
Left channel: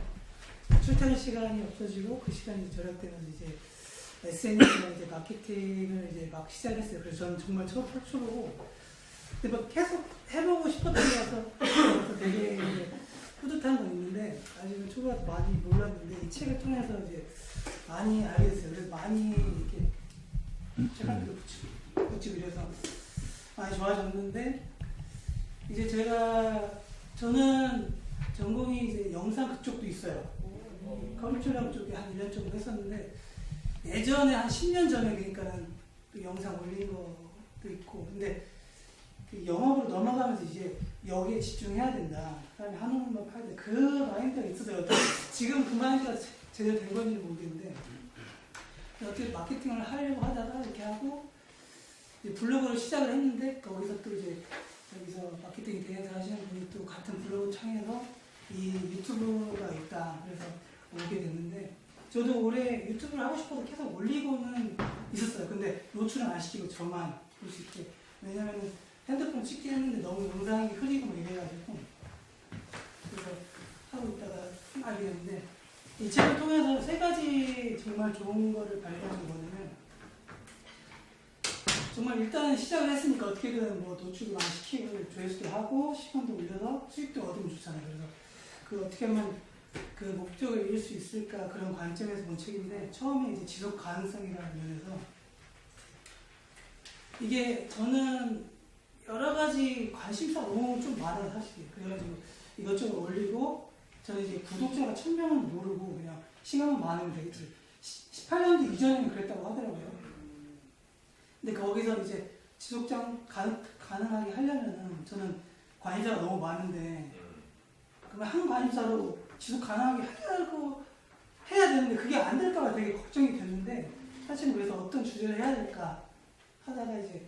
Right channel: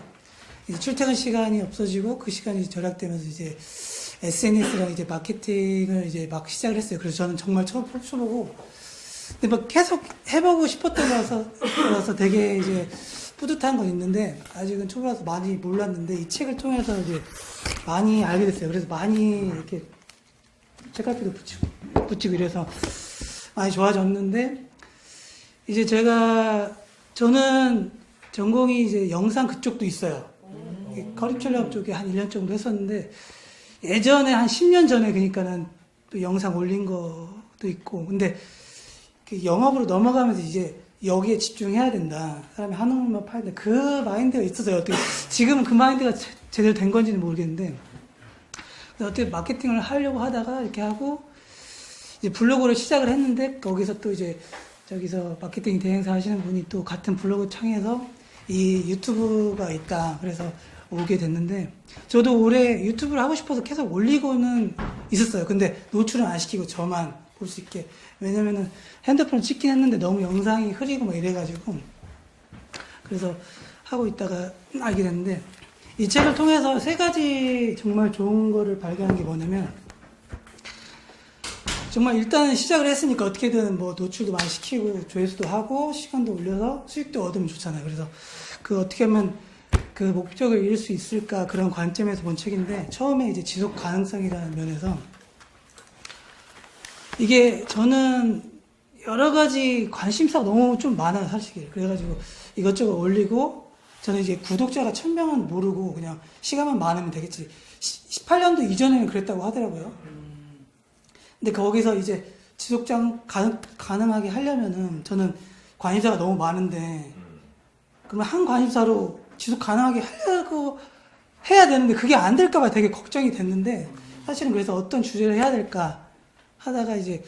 이제 출퇴근 시간이 없어지고 그 시간이 절약되면서 이제 SNS랑 이제 마케팅을 이제 막 시작을 했어요. 그래서 저는 정말 초보고 근데 막 계속 해보고 싶었던 거라서 되게 이제 뿌듯한 건 있는데 아직은 초보라서 많이 몰랐는데 이 책을 통해서 이제 많이 알게 됐어요. 그래서 많이 이렇게 책갈피도 붙이고 이래서 많이 좋아졌는데 이제 저는 전공이 이제 영상 그쪽도 있어요. 커리큘럼 쪽에 한 1년 정도 했었는데 예전에 한 10년 전에 그러니까는 또 영상 올린 것도 있고 근데 그 영업으로 넘어가면서 이제 여기에 집중해야 된다. 사람이 한 얼굴만 파야 된다. 그 마인드가 있었어요. 어떻게 지금은 그 마인드가 제대로 된 건지는 모르겠는데 어떻게 마케팅을 하려고 하다가 이렇게 하고 이제 블로그를 시작을 했는데 거기서 또 이제 저기서 마케팅 대행사 하시는 분이 또 같은 블로그 창에서 이 유튜브가 있다. 그래서 오게 됐는데 저도 올해 유튜브를 하고 싶어서 계속 올리고는 있었어요. 근데 노출은 안 시키고 저만 볼 수 있게. 왜냐면은 핸드폰을 찍긴 했는데 너무 영상이 흐리고 막 이래가지고 그래서 하고 있다가 알게 됐는데 이 책을 통해서 3가지 정말 좋은 거를 발견한 게 뭐냐면 정말 일단은 시작을 했으니까 어떻게든 뭐 노출도 많이 시키고 조회수도 하고 시간도 올려서 수익도 얻으면 좋잖아요. 그래서 그 어떻게 하면 그 목적을 이룰 수 있을까 그런 관점에서 본 책인데 처음에 이제 지속 가능성이라는 면에서 이게 저는 여러 가지 관심사가 너무 좀 많아요, 사실. 그래가지고 이것저것 올리고 저는 이제 구독자가 1000명은 모르고 그냥 시간만 많으면 되겠지. 18년도 이전에는 그랬다고 하더라고요. 근데 거기서 이제 지속 가능하게 하려면은 저는 관심사가 너무 많은데 그러면 한 관심사로 지속 가능하게 하려고 해야 되는데 그게 안 될까봐 되게 걱정이 됐는데 사실은 그래서 어떤 주제를 해야 될까 하다가 이제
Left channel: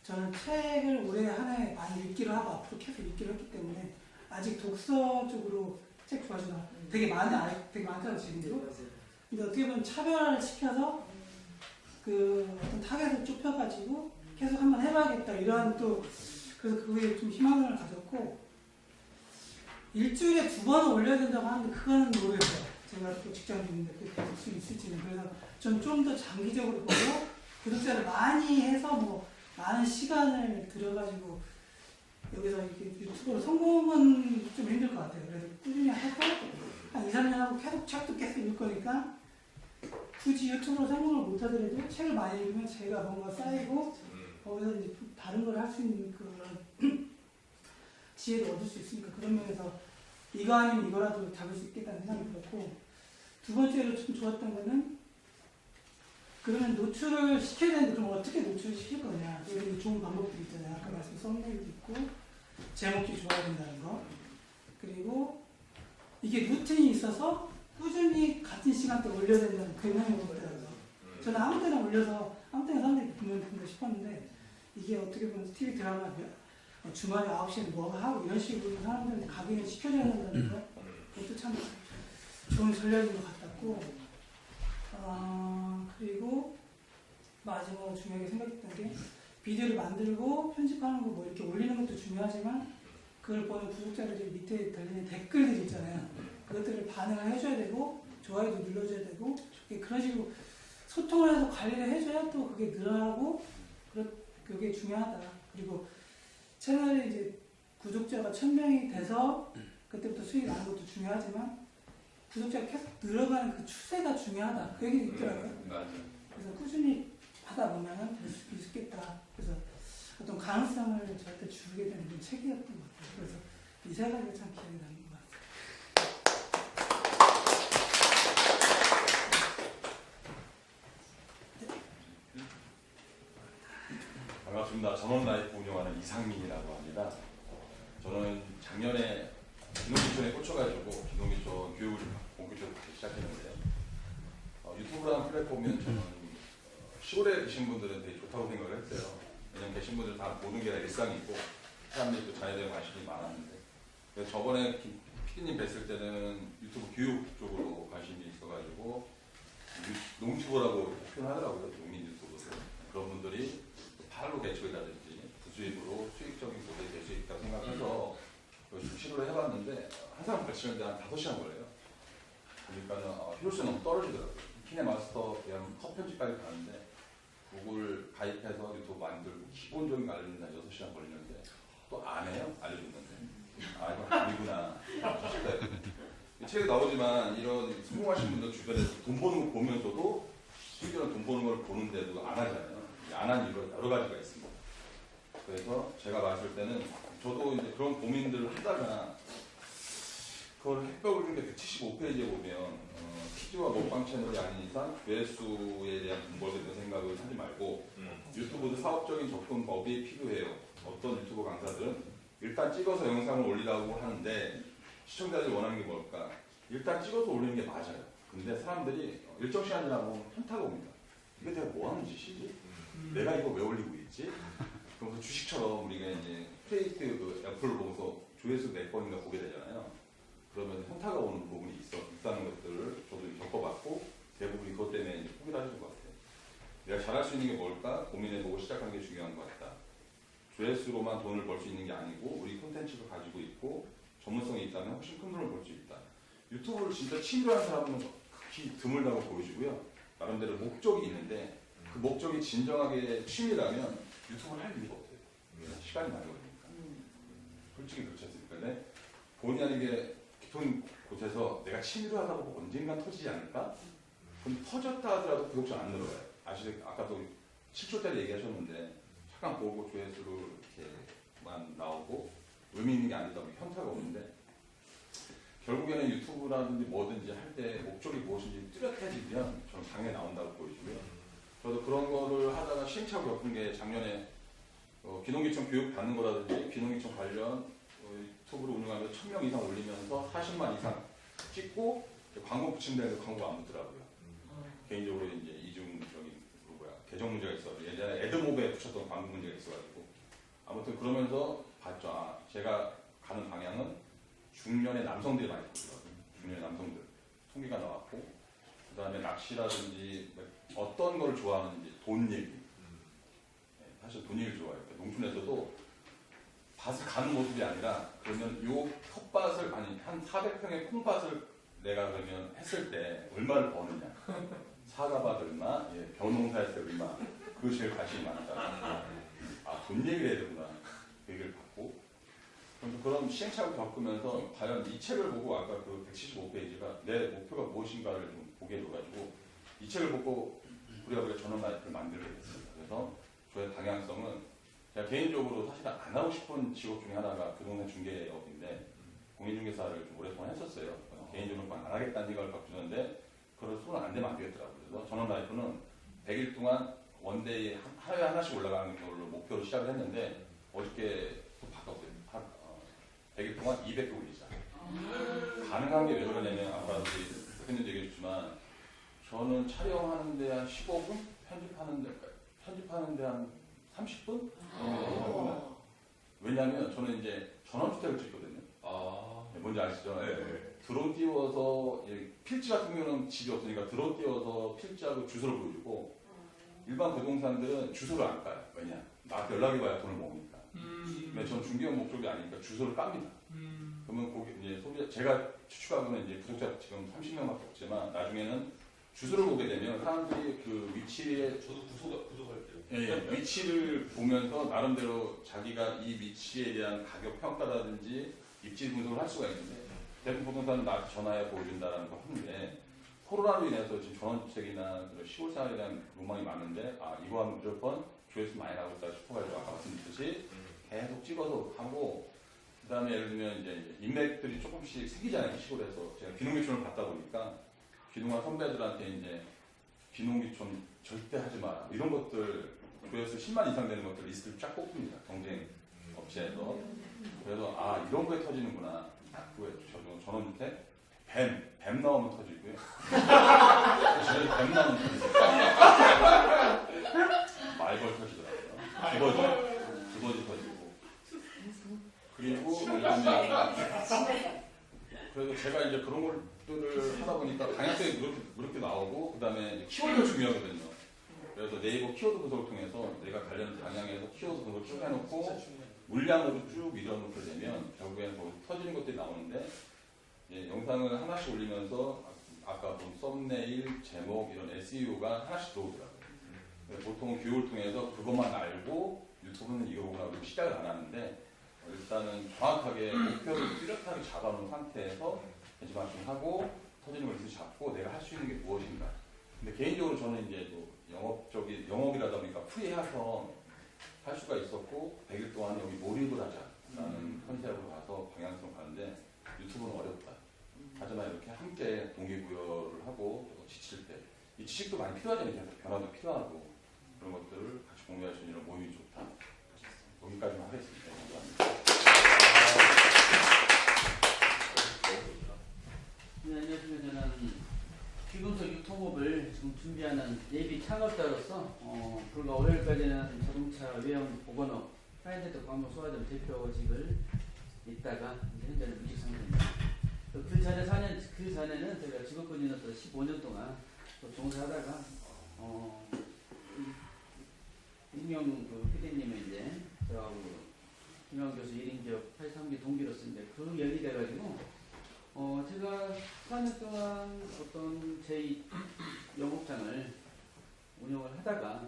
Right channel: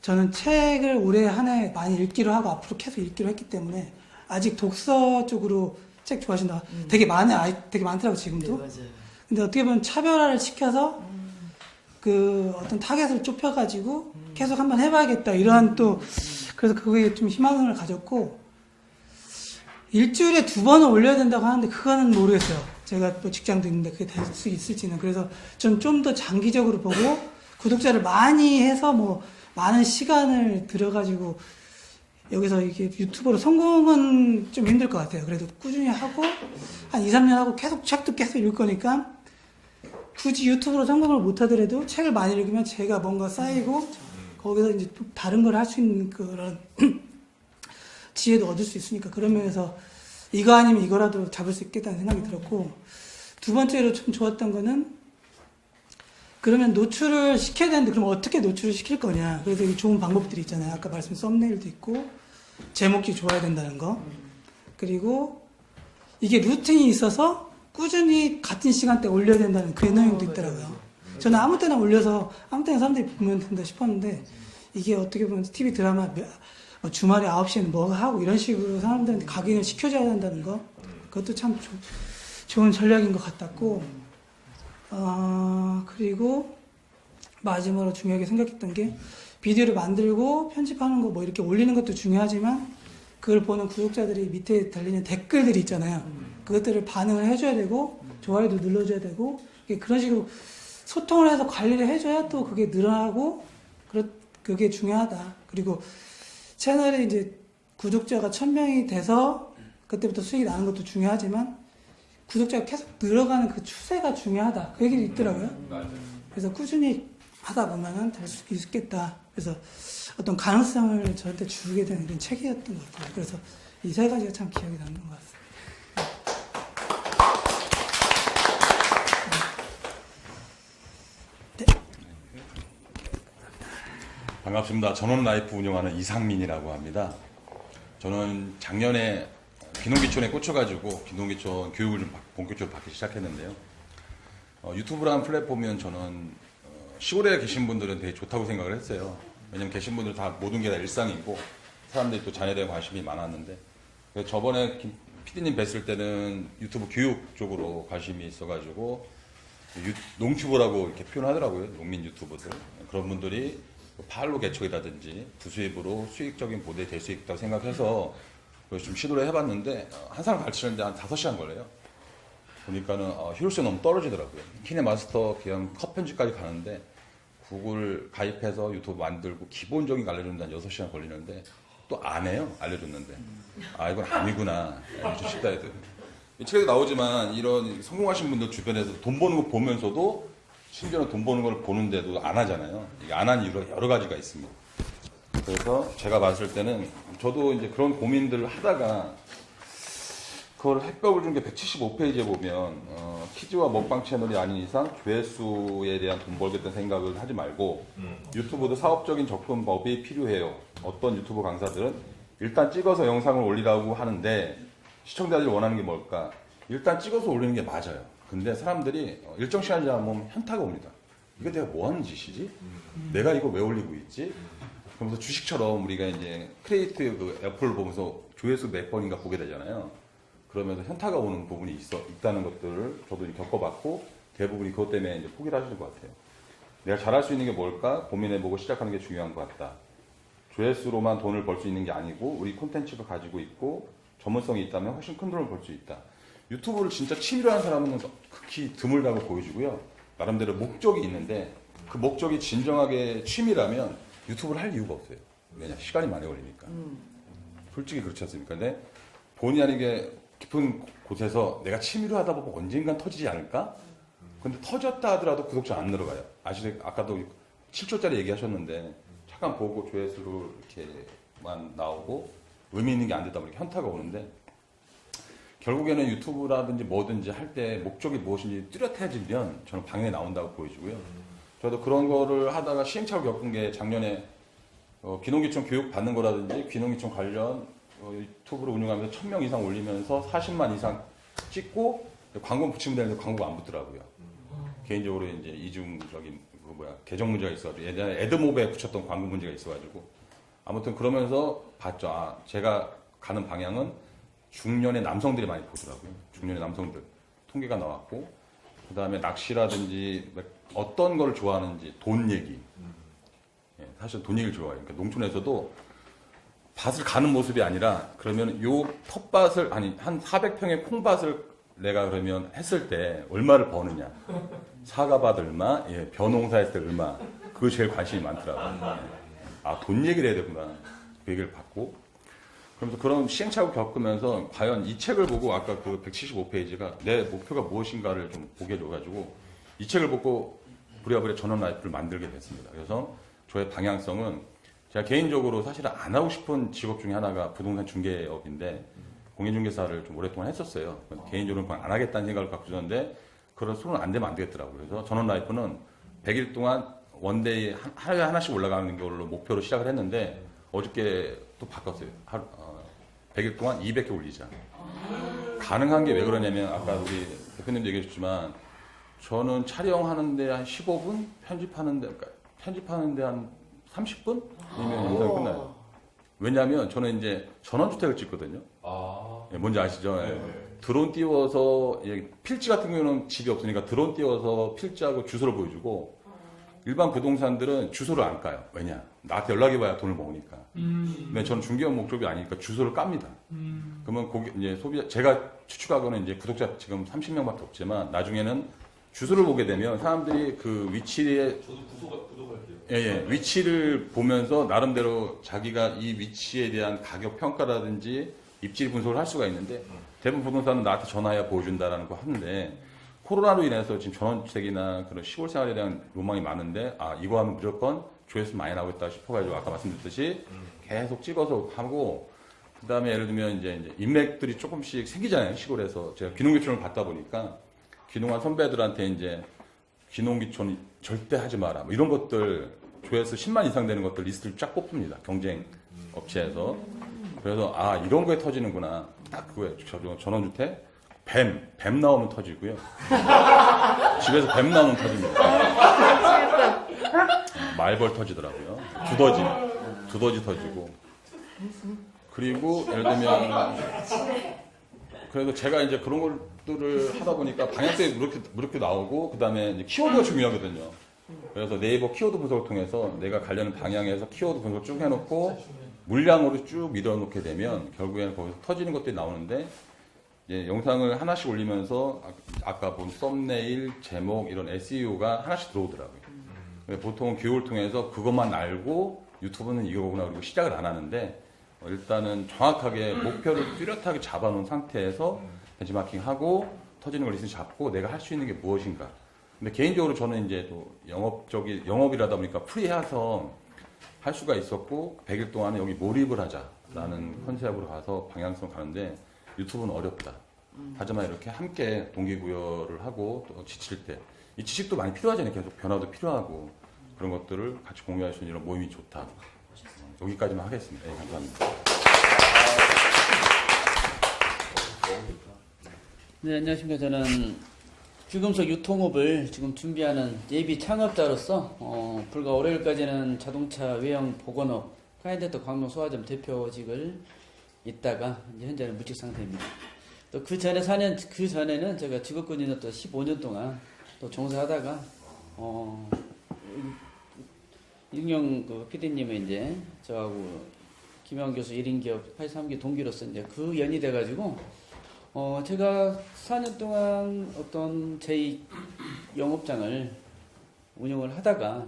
저는 책을 올해 한 해 많이 읽기로 하고 앞으로 계속 읽기로 했기 때문에 아직 독서 쪽으로 책 좋아하신다. 되게 많더라고요, 지금도. 네, 맞아요. 근데 어떻게 보면 차별화를 시켜서 그 어떤 타겟을 좁혀가지고 계속 한번 해봐야겠다. 이런 또, 그래서 그거에 좀 희망을 가졌고, 일주일에 2번을 올려야 된다고 하는데 그거는 모르겠어요. 제가 또 직장도 있는데 그게 될 수 있을지는. 그래서 전 좀 더 장기적으로 보고 구독자를 많이 해서 뭐 많은 시간을 들여가지고 여기서 이게 유튜버로 성공은 좀 힘들 것 같아요. 그래도 꾸준히 하고 한 2, 3년 하고 계속 책도 계속 읽을 거니까 굳이 유튜브로 성공을 못 하더라도 책을 많이 읽으면 제가 뭔가 쌓이고 거기서 이제 또 다른 걸 할 수 있는 그런 지혜도 얻을 수 있으니까 그런 면에서 이거 아니면 이거라도 잡을 수 있겠다는 생각이 들었고 2번째로 좀 좋았던 거는 그러면 노출을 시켜야 되는데 그럼 어떻게 노출을 시킬 거냐. 그래서 이 좋은 방법들이 있잖아요. 아까 말씀드린 썸네일도 있고 제목이 좋아야 된다는 거. 그리고 이게 루틴이 있어서 꾸준히 같은 시간대 올려야 된다는 그 내용도 있더라고요. 저는 아무 때나 올려서 아무 때나 사람들이 보면 된다 싶었는데 이게 어떻게 보면 TV 드라마 주말에 9시에는 뭐 하고 이런 식으로 사람들한테 각인을 시켜줘야 된다는 거 그것도 참 좋은 전략인 것 같았고 그리고 마지막으로 중요하게 생각했던 게 비디오를 만들고 편집하는 거 뭐 이렇게 올리는 것도 중요하지만 그걸 보는 구독자들이 밑에 달리는 댓글들이 있잖아요. 그것들을 반응을 해줘야 되고 좋아요도 눌러줘야 되고 그런 식으로 소통을 해서 관리를 해줘야 또 그게 늘어나고 그게 중요하다. 그리고 채널에 이제 구독자가 1000명이 돼서 그때부터 수익이 나는 것도 중요하지만 구독자가 계속 늘어가는 그 추세가 중요하다. 그 얘기도 있더라고요. 그래서 꾸준히 하다 보면은 될 수 있겠다. 그래서 어떤 가능성을 저한테 주게 되는 이런 책이었던 것 같아요. 그래서 이 세 가지가 참 기억에 남는 것 같습니다. 반갑습니다. 전원라이프 운영하는 이상민이라고 합니다. 저는 작년에 귀농귀촌에 꽂혀가지고 귀농귀촌 교육을 좀 본격적으로 받기 시작했는데요. 유튜브라는 플랫폼은 저는 시골에 계신 분들은 되게 좋다고 생각을 했어요. 왜냐면 계신 분들 다 모든 게 다 일상이고 사람들이 또 자녀에 대한 관심이 많았는데 저번에 PD님 뵀을 때는 유튜브 교육 쪽으로 관심이 있어가지고 농튜브라고 이렇게 표현하더라고요. 농민 유튜버들. 그런 분들이 팔로 개척이라든지 부수입으로 수익적인 모델이 될 수 있다고 생각해서 좀 시도를 해봤는데 한 사람 가르치는데 한 5시간 걸려요. 보니까는 효율성이 너무 떨어지더라고요. 키네마스터 그냥 컷 편집까지 가는데 구글 가입해서 유튜브 만들고 기본적인 거 알려주는데 한 6시간 걸리는데 또 안 해요. 알려줬는데. 아 이건 아니구나. 좀 쉽다 해도. 이 책에 나오지만 이런 성공하신 분들 주변에서 돈 버는 거 보면서도 심지어는 돈 버는 걸 보는데도 안 하잖아요. 안 한 이유가 여러 가지가 있습니다. 그래서 제가 봤을 때는 저도 이제 그런 고민들을 하다가 그걸 해법을 준 게 175페이지에 보면 키즈와 먹방 채널이 아닌 이상 조회수에 대한 돈 벌겠다는 생각을 하지 말고 유튜브도 사업적인 접근법이 필요해요. 어떤 유튜브 강사들은 일단 찍어서 영상을 올리라고 하는데 시청자들이 원하는 게 뭘까? 일단 찍어서 올리는 게 맞아요. 근데 사람들이 일정 시간 지나면 현타가 옵니다. 이게 내가 뭐 하는 짓이지? 내가 이거 왜 올리고 있지? 그러면서 주식처럼 우리가 이제 크리에이트 그 애플을 보면서 조회수 몇 번인가 보게 되잖아요. 그러면서 현타가 오는 부분이 있다는 것들을 저도 겪어봤고 대부분이 그것 때문에 이제 포기를 하시는 것 같아요. 내가 잘할 수 있는 게 뭘까 고민해보고 시작하는 게 중요한 것 같다. 조회수로만 돈을 벌 수 있는 게 아니고 우리 콘텐츠가 가지고 있고 전문성이 있다면 훨씬 큰 돈을 벌 수 있다. 유튜브를 진짜 취미로 하는 사람은 극히 드물다고 보여지고요. 나름대로 목적이 있는데 그 목적이 진정하게 취미라면 유튜브를 할 이유가 없어요. 왜냐? 시간이 많이 걸리니까. 솔직히 그렇지 않습니까? 근데 본의 아니게 깊은 곳에서 내가 취미로 하다 보고 언젠간 터지지 않을까? 근데 터졌다 하더라도 구독자 안 늘어가요. 아까도 7초짜리 얘기하셨는데 잠깐 보고 조회수로 이렇게만 나오고 의미 있는 게 안 되다 보니까 현타가 오는데 결국에는 유튜브라든지 뭐든지 할 때 목적이 무엇인지 뚜렷해지면 저는 방향이 나온다고 보여지고요. 저도 그런 거를 하다가 시행착오 겪은 게 작년에 귀농귀촌 교육 받는 거라든지 귀농귀촌 관련 유튜브를 운영하면서 1000명 이상 올리면서 40만 이상 찍고 광고 붙이면 되는데 광고가 안 붙더라고요. 개인적으로 이제 이중적인 계정 문제가 있어가지고 예전에 애드모브에 붙였던 광고 문제가 있어가지고 아무튼 그러면서 봤죠. 제가 가는 방향은 중년의 남성들이 많이 보더라고요. 중년의 남성들 통계가 나왔고 그 다음에 낚시라든지 어떤 걸 좋아하는지 돈 얘기. 사실 돈 얘기를 좋아해요. 그러니까 농촌에서도 밭을 가는 모습이 아니라 그러면 요 텃밭을 한 400평의 콩밭을 내가 그러면 했을 때 얼마를 버느냐. 사과밭 얼마, 벼농사 했을 때 얼마. 그거 제일 관심이 많더라고요. 돈 얘기를 해야 되구나. 그 얘기를 받고. 그러면서 그런 시행착오를 겪으면서 과연 이 책을 보고 아까 그 175페이지가 내 목표가 무엇인가를 좀 보게 돼가지고 이 책을 보고 부랴부랴 전원라이프를 만들게 됐습니다. 그래서 저의 방향성은 제가 개인적으로 사실 안 하고 싶은 직업 중에 하나가 부동산 중개업인데 공인중개사를 좀 오랫동안 했었어요. 개인적으로 안 하겠다는 생각을 갖고 있었는데 그런 손은 안 되면 안 되겠더라고요. 그래서 전원라이프는 100일 동안 원데이 하루에 하나씩 올라가는 걸로 목표로 시작을 했는데 어저께 또 바꿨어요. 100일 동안 200개 올리자. 가능한 게 왜 그러냐면 아까 우리 대표님도 얘기해 줬지만 저는 촬영하는데 한 15분, 편집하는데 한 30분이면 영상이 끝나요. 왜냐하면 저는 이제 전원주택을 찍거든요. 예, 뭔지 아시죠? 예. 드론 띄워서 필지 같은 경우는 집이 없으니까 드론 띄워서 필지하고 주소를 보여주고 일반 부동산들은 주소를 안 까요. 왜냐? 나한테 연락이 와야 돈을 먹으니까. 근데 저는 중개업 목적이 아니니까 주소를 깝니다. 그러면 이제 제가 추측하고는 이제 구독자 지금 30명밖에 없지만 나중에는 주소를 보게 되면 사람들이 그 위치에 위치를 보면서 나름대로 자기가 이 위치에 대한 가격 평가라든지 입지 분석을 할 수가 있는데 대부분 부동산은 나한테 전화해야 보여준다라는 거 하는데 코로나로 인해서 지금 전원주택이나 그런 시골 생활에 대한 로망이 많은데 이거 하면 무조건 조회수 많이 나오겠다 싶어가지고 아까 말씀드렸듯이 계속 찍어서 하고 그다음에 예를 들면 이제 인맥들이 조금씩 생기잖아요. 시골에서 제가 귀농귀촌을 받다 보니까 귀농한 선배들한테 이제 귀농귀촌 절대 하지 마라 뭐 이런 것들 조회수 10만 이상 되는 것들 리스트를 쫙 뽑습니다. 경쟁 업체에서. 그래서 이런 거에 터지는구나. 딱 그거예요. 전원주택 뱀 나오면 터지고요. 집에서 뱀 나오면 터집니다. 말벌 터지더라고요. 두더지 터지고. 그리고 예를 들면 그래서 제가 이제 그런 것들을 하다 보니까 방향성이 이렇게 나오고 그다음에 이제 키워드가 중요하거든요. 그래서 네이버 키워드 분석을 통해서 내가 가려는 방향에서 키워드 분석을 쭉 해놓고 물량으로 쭉 밀어놓게 되면 결국에는 거기서 터지는 것들이 나오는데 영상을 하나씩 올리면서 아까 본 썸네일, 제목 이런 SEO가 하나씩 들어오더라고요. 보통 교육을 통해서 그것만 알고 유튜브는 이거구나 그리고 시작을 안 하는데 일단은 정확하게 목표를 뚜렷하게 잡아놓은 상태에서 벤치마킹하고 터지는 걸 리스트 잡고 내가 할 수 있는 게 무엇인가. 근데 개인적으로 저는 이제 또 영업이라다 보니까 프리해서 할 수가 있었고 100일 동안에 여기 몰입을 하자라는 컨셉으로 가서 방향성 가는데 유튜브는 어렵다. 하지만 이렇게 함께 동기부여를 하고 또 지칠 때 이 지식도 많이 필요하잖아요. 계속 변화도 필요하고 그런 것들을 같이 공유할 수 있는 이런 모임이 좋다. 여기까지만 하겠습니다. 네, 감사합니다. 네, 안녕하십니까. 저는 귀금속 유통업을 지금 준비하는 예비 창업자로서 불과 월요일까지는 자동차 외형 복원업 카이엔트 광명 소화점 대표직을 있다가 이제 현재는 무직 상태입니다. 또 그 전에는 제가 직업군인으로 또 15년 동안 또 종사하다가 윤영 그 PD님은 이제 저하고 김영 교수 1인 기업 83기 동기로서 이제 그 연이 돼가지고 제가 4년 동안 어떤 제 영업장을 운영을 하다가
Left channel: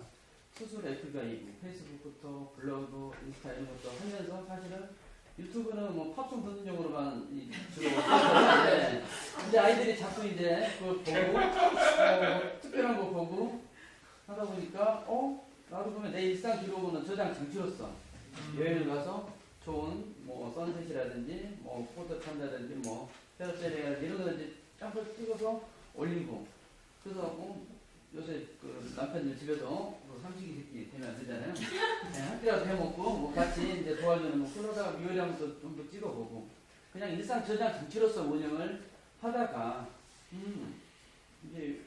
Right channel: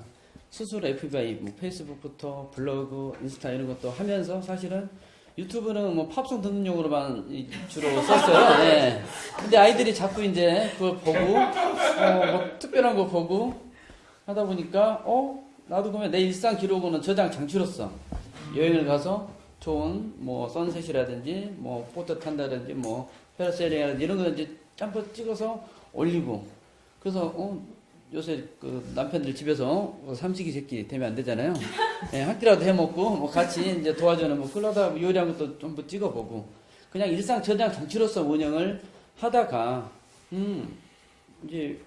스스로 FBI, 뭐 페이스북부터 블로그, 인스타 이런 것도 하면서 사실은 유튜브는 뭐 팝송 듣는 용으로만 주로 썼어요. 네. 근데 아이들이 자꾸 이제 그걸 보고 뭐 특별한 거 보고 하다 보니까 나도 그러면 내 일상 기록은 저장 장치로서 여행을 가서 좋은 뭐 선셋이라든지 뭐 보트 탄다든지 뭐 페러세일이라든지 이런 거 이제 짬뽕 찍어서 올리고 그래서 요새 그 남편들 집에서 삼식이 새끼 되면 안 되잖아요. 네, 한 끼라도 해 먹고 뭐 같이 이제 도와주는 뭐 그러다 요리한 것도 좀 찍어보고 그냥 일상 저장 장치로서 운영을 하다가 이제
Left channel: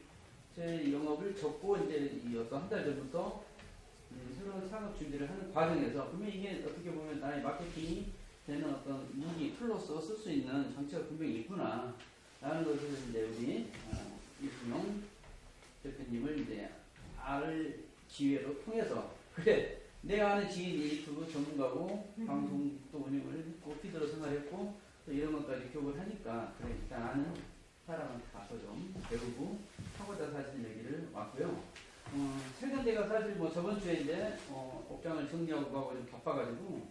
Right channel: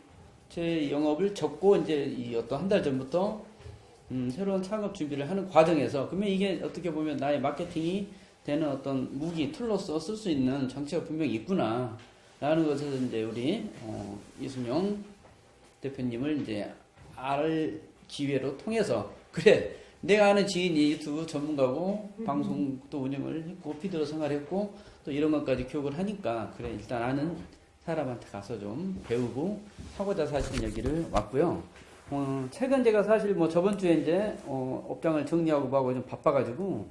제 영업을 접고 이제 이 어떤 한 달 전부터 새로운 창업 준비를 하는 과정에서 그러면 이게 어떻게 보면 나의 마케팅이 되는 어떤 무기 툴로서 쓸 수 있는 장치가 분명히 있구나 라는 것을 이제 우리 이순용 대표님을 이제 알 기회로 통해서 그래 내가 아는 지인이 유튜브 전문가고 방송도 운영을 했고 피드로 생활했고 또 이런 것까지 교육을 하니까 그래 일단 아는 사람한테 가서 좀 배우고 하고자 사실 여기를 왔고요. 최근 제가 사실 뭐 저번 주에 이제 업장을 정리하고 뭐하고 좀 바빠가지고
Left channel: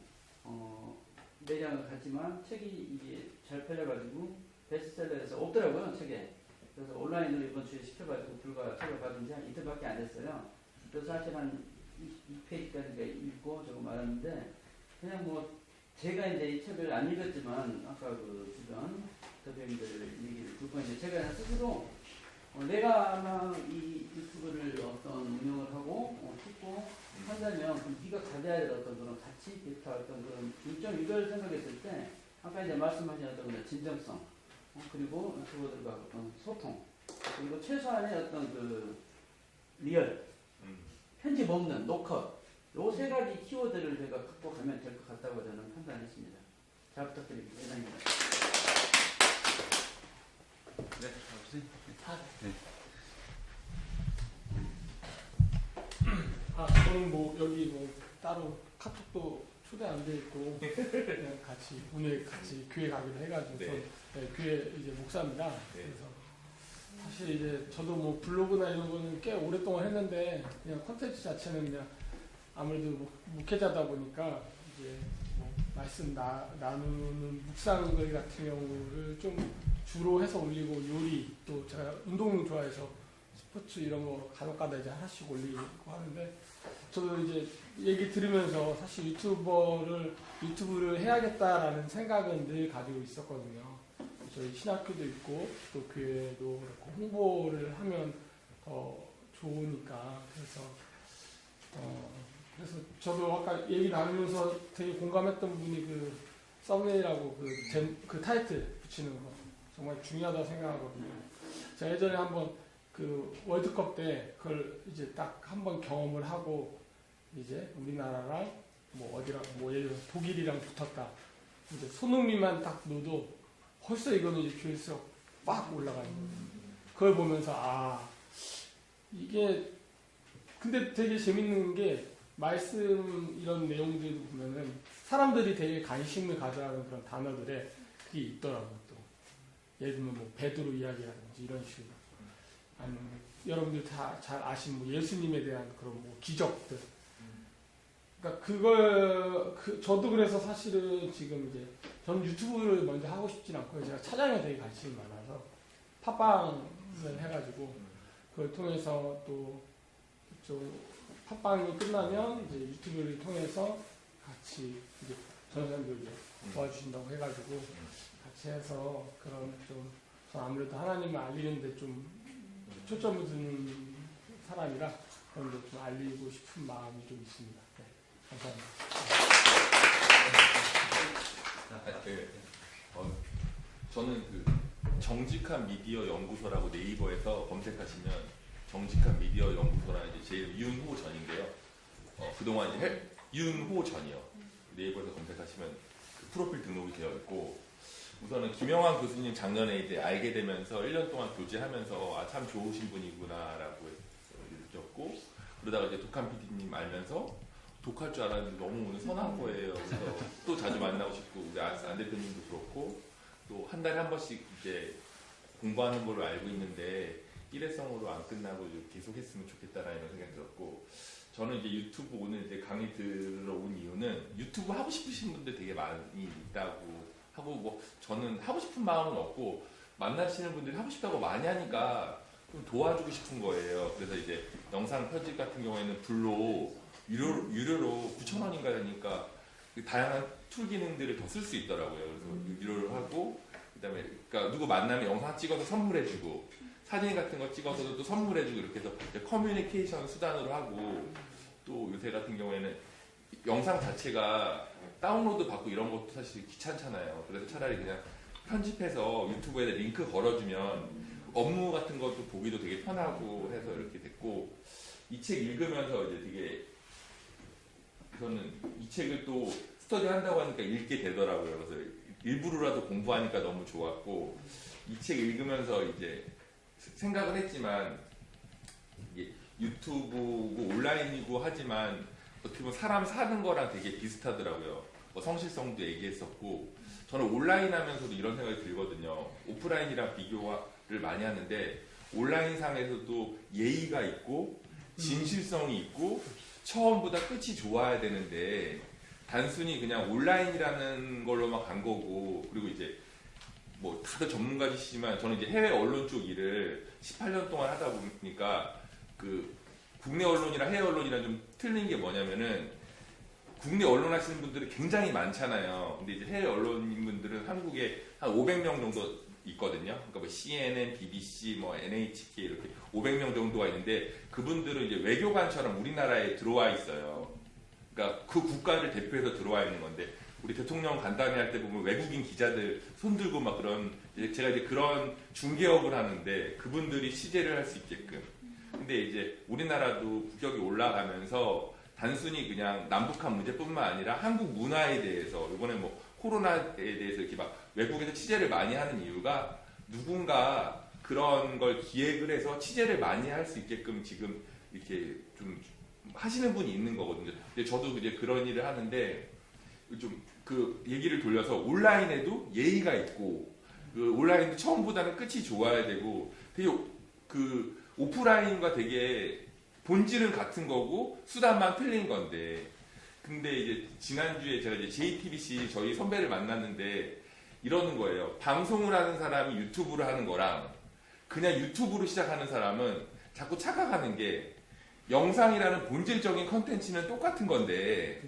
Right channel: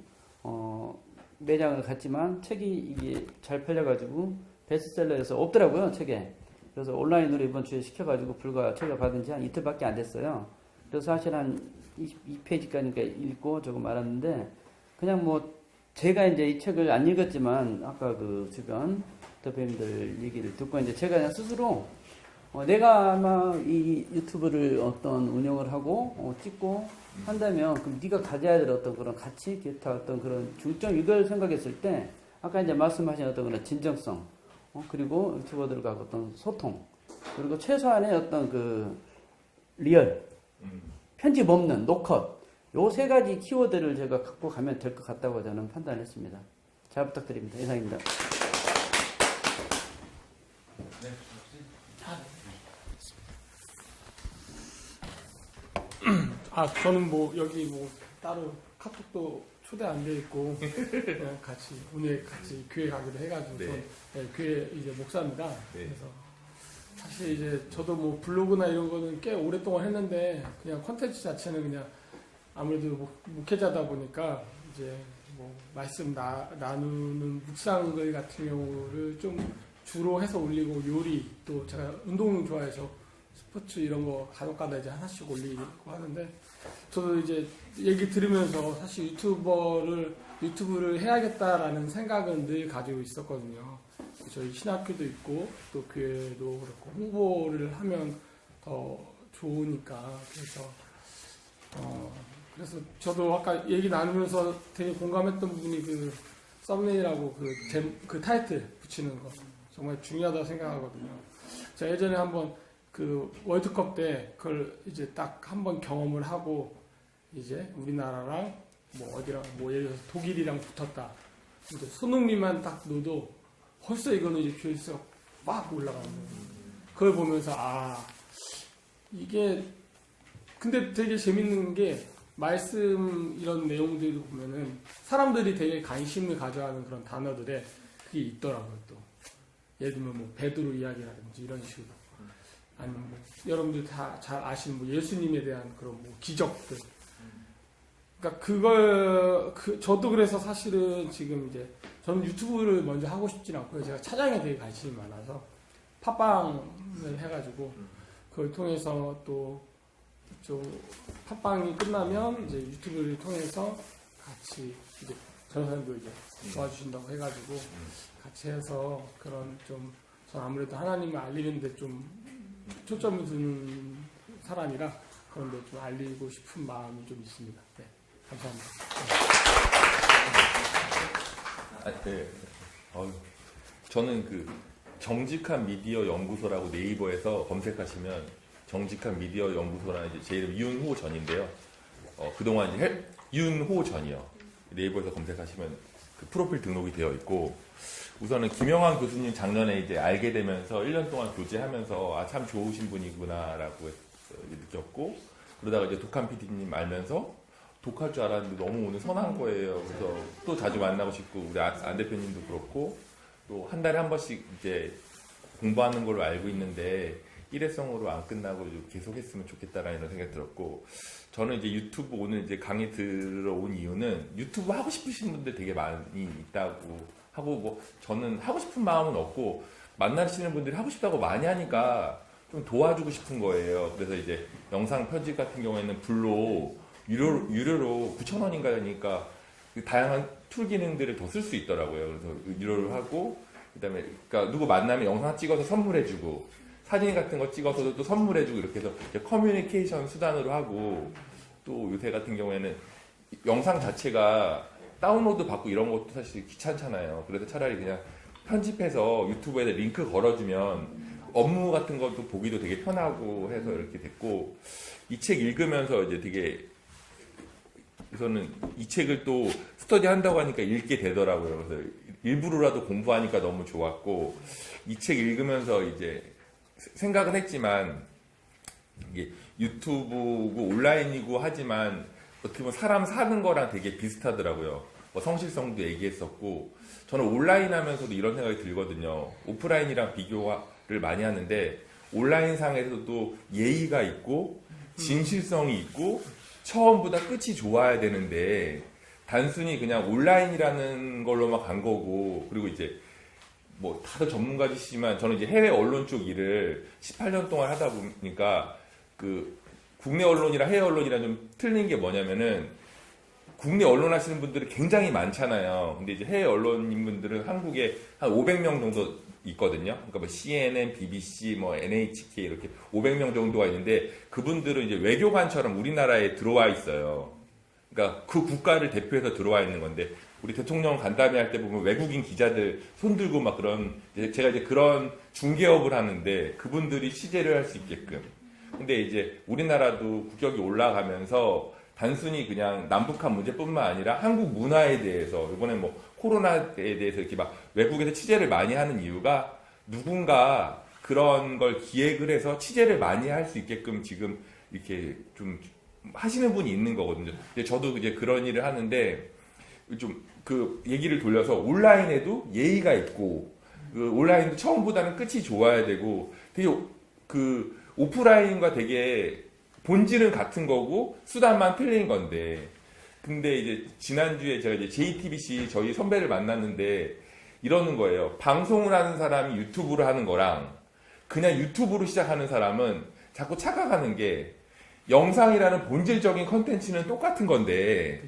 매장을 갔지만 책이 이게 잘 팔려가지고 베스트셀러에서 없더라고요 책에. 그래서 온라인으로 이번 주에 시켜가지고 불과 제가 받은 지 한 이틀밖에 안 됐어요. 그래서 사실 한 2페이지까지 읽고 조금 알았는데 그냥 뭐 제가 이제 이 책을 안 읽었지만 아까 그 주변 대표님들 얘기를 듣고 이제 제가 그냥 스스로 내가 아마 이 유튜브를 어떤 운영을 하고 찍고 한다면 그럼 네가 가져야 될 어떤 그런 가치, 기타 어떤 그런 중점 이걸 생각했을 때 아까 이제 말씀하신 어떤 그런 진정성 그리고 유튜버들과 어떤 소통, 그리고 최소한의 어떤 그 리얼, 편집 없는 노컷, 요 세 가지 키워드를 제가 갖고 가면 될 것 같다고 저는 판단했습니다. 잘 부탁드립니다. 이상입니다. 저는 뭐 여기 뭐 따로 카톡도 초대 안 돼 있고 그냥 같이 오늘 같이 교회 가기로 해가지고 저는 교회 이제 목사입니다. 그래서 사실 이제 저도 뭐 블로그나 이런 거는 꽤 오랫동안 했는데 그냥 컨텐츠 자체는 그냥 아무래도 목회자다 보니까 이제 뭐 말씀 나누는 묵상글 같은 경우를 좀 주로 해서 올리고 요리 또 제가 운동 좋아해서 스포츠 이런 거 간혹가다 이제 하나씩 올리고 하는데 저도 이제 얘기 들으면서 사실 유튜브를 해야겠다라는 생각은 늘 가지고 있었거든요. 저희 신학교도 있고 또 교회도 그렇고 홍보를 하면 더 좋으니까 그래서 저도 아까 얘기 나누면서 되게 공감했던 분이 그 썸네일하고 그 타이틀 붙이는 거 정말 중요하다고 생각하거든요. 제가 예전에 한번 그 월드컵 때 그걸 이제 딱 한번 경험을 하고 이제 우리나라랑 뭐 어디랑 뭐 예를 들어서 독일이랑 붙었다. 이제 손흥민만 딱 넣어도 벌써 이거는 이제 조회수가 빡 올라가는 거예요. 그걸 보면서 이게 근데 되게 재밌는 게 말씀 이런 내용들도 보면은 사람들이 되게 관심을 가져하는 그런 단어들에 그게 있더라고요. 또 예를 들면 뭐 베드로 이야기라든지 이런 식으로 아니면 뭐 여러분들 다 잘 아시는 뭐 예수님에 대한 그런 뭐 기적들. 그러니까 저도 그래서 사실은 지금 이제 저는 유튜브를 먼저 하고 싶진 않고요. 제가 차장에 되게 관심이 많아서 팟빵을 해가지고 그걸 통해서 또 팟빵이 끝나면 이제 유튜브를 통해서 같이 이제 전사님도 이제 도와주신다고 해가지고 같이 해서 그런 전 아무래도 하나님을 알리는데 좀 초점을 두는 사람이라 그런데 좀 알리고 싶은 마음이 좀 있습니다. 네, 감사합니다. 저는 그 정직한 미디어 연구소라고 네이버에서 검색하시면 정직한 미디어 연구소라는 이제 제 이름 이윤호 전인데요. 그동안 이제 이윤호 전이요. 네이버에서 검색하시면 그 프로필 등록이 되어 있고 우선은 김영환 교수님 작년에 이제 알게 되면서 1년 동안 교제하면서 참 좋으신 분이구나라고 느꼈고 그러다가 이제 독한 PD님 알면서 독할 줄 알았는데 너무 오늘 선한 거예요. 그래서 또 자주 만나고 싶고 우리 안 대표님도 그렇고 또 한 달에 한 번씩 이제 공부하는 걸로 알고 있는데 일회성으로 안 끝나고 좀 계속 했으면 좋겠다라는 생각이 들었고 저는 이제 유튜브 오늘 이제 강의 들어온 이유는 유튜브 하고 싶으신 분들 되게 많이 있다고 하고 뭐 저는 하고 싶은 마음은 없고 만나시는 분들이 하고 싶다고 많이 하니까 좀 도와주고 싶은 거예요. 그래서 이제 영상 편집 같은 경우에는 불로 유료로 9,000원인가 하니까 다양한 툴 기능들을 더 쓸 수 있더라고요. 그래서 유료로 하고 그다음에 그러니까 누구 만나면 영상 찍어서 선물해주고 사진 같은 거 찍어서도 또 선물해주고 이렇게 해서 커뮤니케이션 수단으로 하고 또 요새 같은 경우에는 영상 자체가 다운로드 받고 이런 것도 사실 귀찮잖아요. 그래서 차라리 그냥 편집해서 유튜브에 링크 걸어주면 업무 같은 것도 보기도 되게 편하고 해서 이렇게 됐고 이 책 읽으면서 이제 되게 우선은 이 책을 또 스터디 한다고 하니까 읽게 되더라고요. 그래서 일부러라도 공부하니까 너무 좋았고 이 책 읽으면서 이제 생각은 했지만 이게 유튜브고 온라인이고 하지만 어떻게 보면 사람 사는 거랑 되게 비슷하더라고요. 뭐 성실성도 얘기했었고 저는 온라인 하면서도 이런 생각이 들거든요. 오프라인이랑 비교를 많이 하는데 온라인 상에서도 예의가 있고 진실성이 있고 처음보다 끝이 좋아야 되는데 단순히 그냥 온라인이라는 걸로만 간 거고 그리고 이제 뭐 다들 전문가시지만 저는 이제 해외 언론 쪽 일을 18년 동안 하다 보니까 그 국내 언론이랑 해외 언론이랑 좀 틀린 게 뭐냐면은 국내 언론 하시는 분들이 굉장히 많잖아요. 근데 이제 해외 언론인 분들은 한국에 한 500명 정도 있거든요. 그러니까 뭐 CNN, BBC, 뭐 NHK 이렇게 500명 정도가 있는데 그분들은 이제 외교관처럼 우리나라에 들어와 있어요. 그러니까 그 국가를 대표해서 들어와 있는 건데 우리 대통령 간담회 할 때 보면 외국인 기자들 손 들고 막 그런 제가 이제 그런 중개업을 하는데 그분들이 취재를 할 수 있게끔. 근데 이제 우리나라도 국격이 올라가면서 단순히 그냥 남북한 문제뿐만 아니라 한국 문화에 대해서 이번에 뭐 코로나에 대해서 이렇게 막 외국에서 취재를 많이 하는 이유가 누군가 그런 걸 기획을 해서 취재를 많이 할 수 있게끔 지금 이렇게 좀 하시는 분이 있는 거거든요. 저도 이제 그런 일을 하는데 좀 그 얘기를 돌려서 온라인에도 예의가 있고 그 온라인도 처음보다는 끝이 좋아야 되고 되게 그 오프라인과 되게 본질은 같은 거고 수단만 틀린 건데 근데 이제 지난주에 제가 이제 JTBC 저희 선배를 만났는데 이러는 거예요. 방송을 하는 사람이 유튜브를 하는 거랑 그냥 유튜브로 시작하는 사람은 자꾸 착각하는 게 영상이라는 본질적인 컨텐츠는 똑같은 건데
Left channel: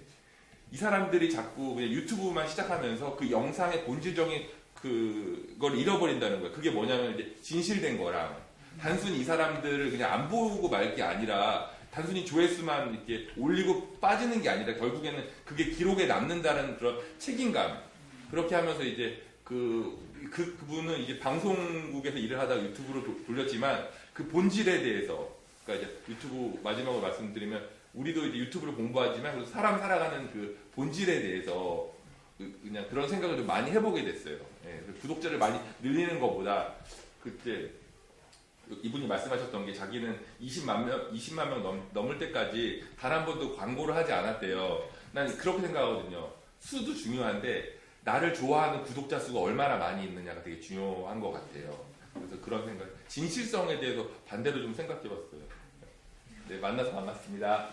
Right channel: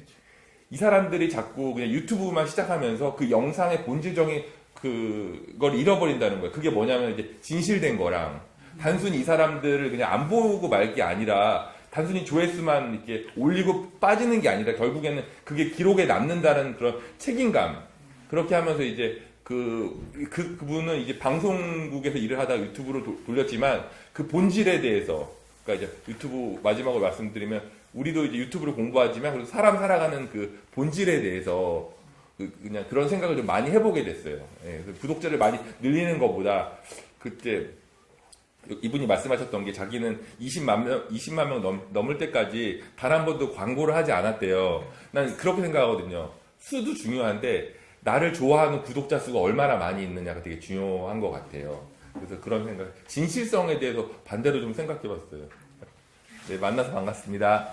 이 사람들이 자꾸 그냥 유튜브만 시작하면서 그 영상의 본질적인 그걸 잃어버린다는 거예요. 그게 뭐냐면 이제 진실된 거랑 단순히 이 사람들을 그냥 안 보고 말 게 아니라 단순히 조회수만 이렇게 올리고 빠지는 게 아니라 결국에는 그게 기록에 남는다는 그런 책임감. 그렇게 하면서 이제 그분은 이제 방송국에서 일을 하다가 유튜브로 돌렸지만 그 본질에 대해서 그러니까 이제 유튜브 마지막으로 말씀드리면 우리도 이제 유튜브를 공부하지만 그래도 사람 살아가는 그 본질에 대해서 그냥 그런 생각을 좀 많이 해보게 됐어요. 예, 구독자를 많이 늘리는 것보다 그때 이분이 말씀하셨던 게 자기는 20만 명 넘을 때까지 단 한 번도 광고를 하지 않았대요. 난 그렇게 생각하거든요. 수도 중요한데 나를 좋아하는 구독자 수가 얼마나 많이 있느냐가 되게 중요한 것 같아요. 그래서 그런 생각, 진실성에 대해서 반대로 좀 생각해봤어요. 네, 만나서 반갑습니다.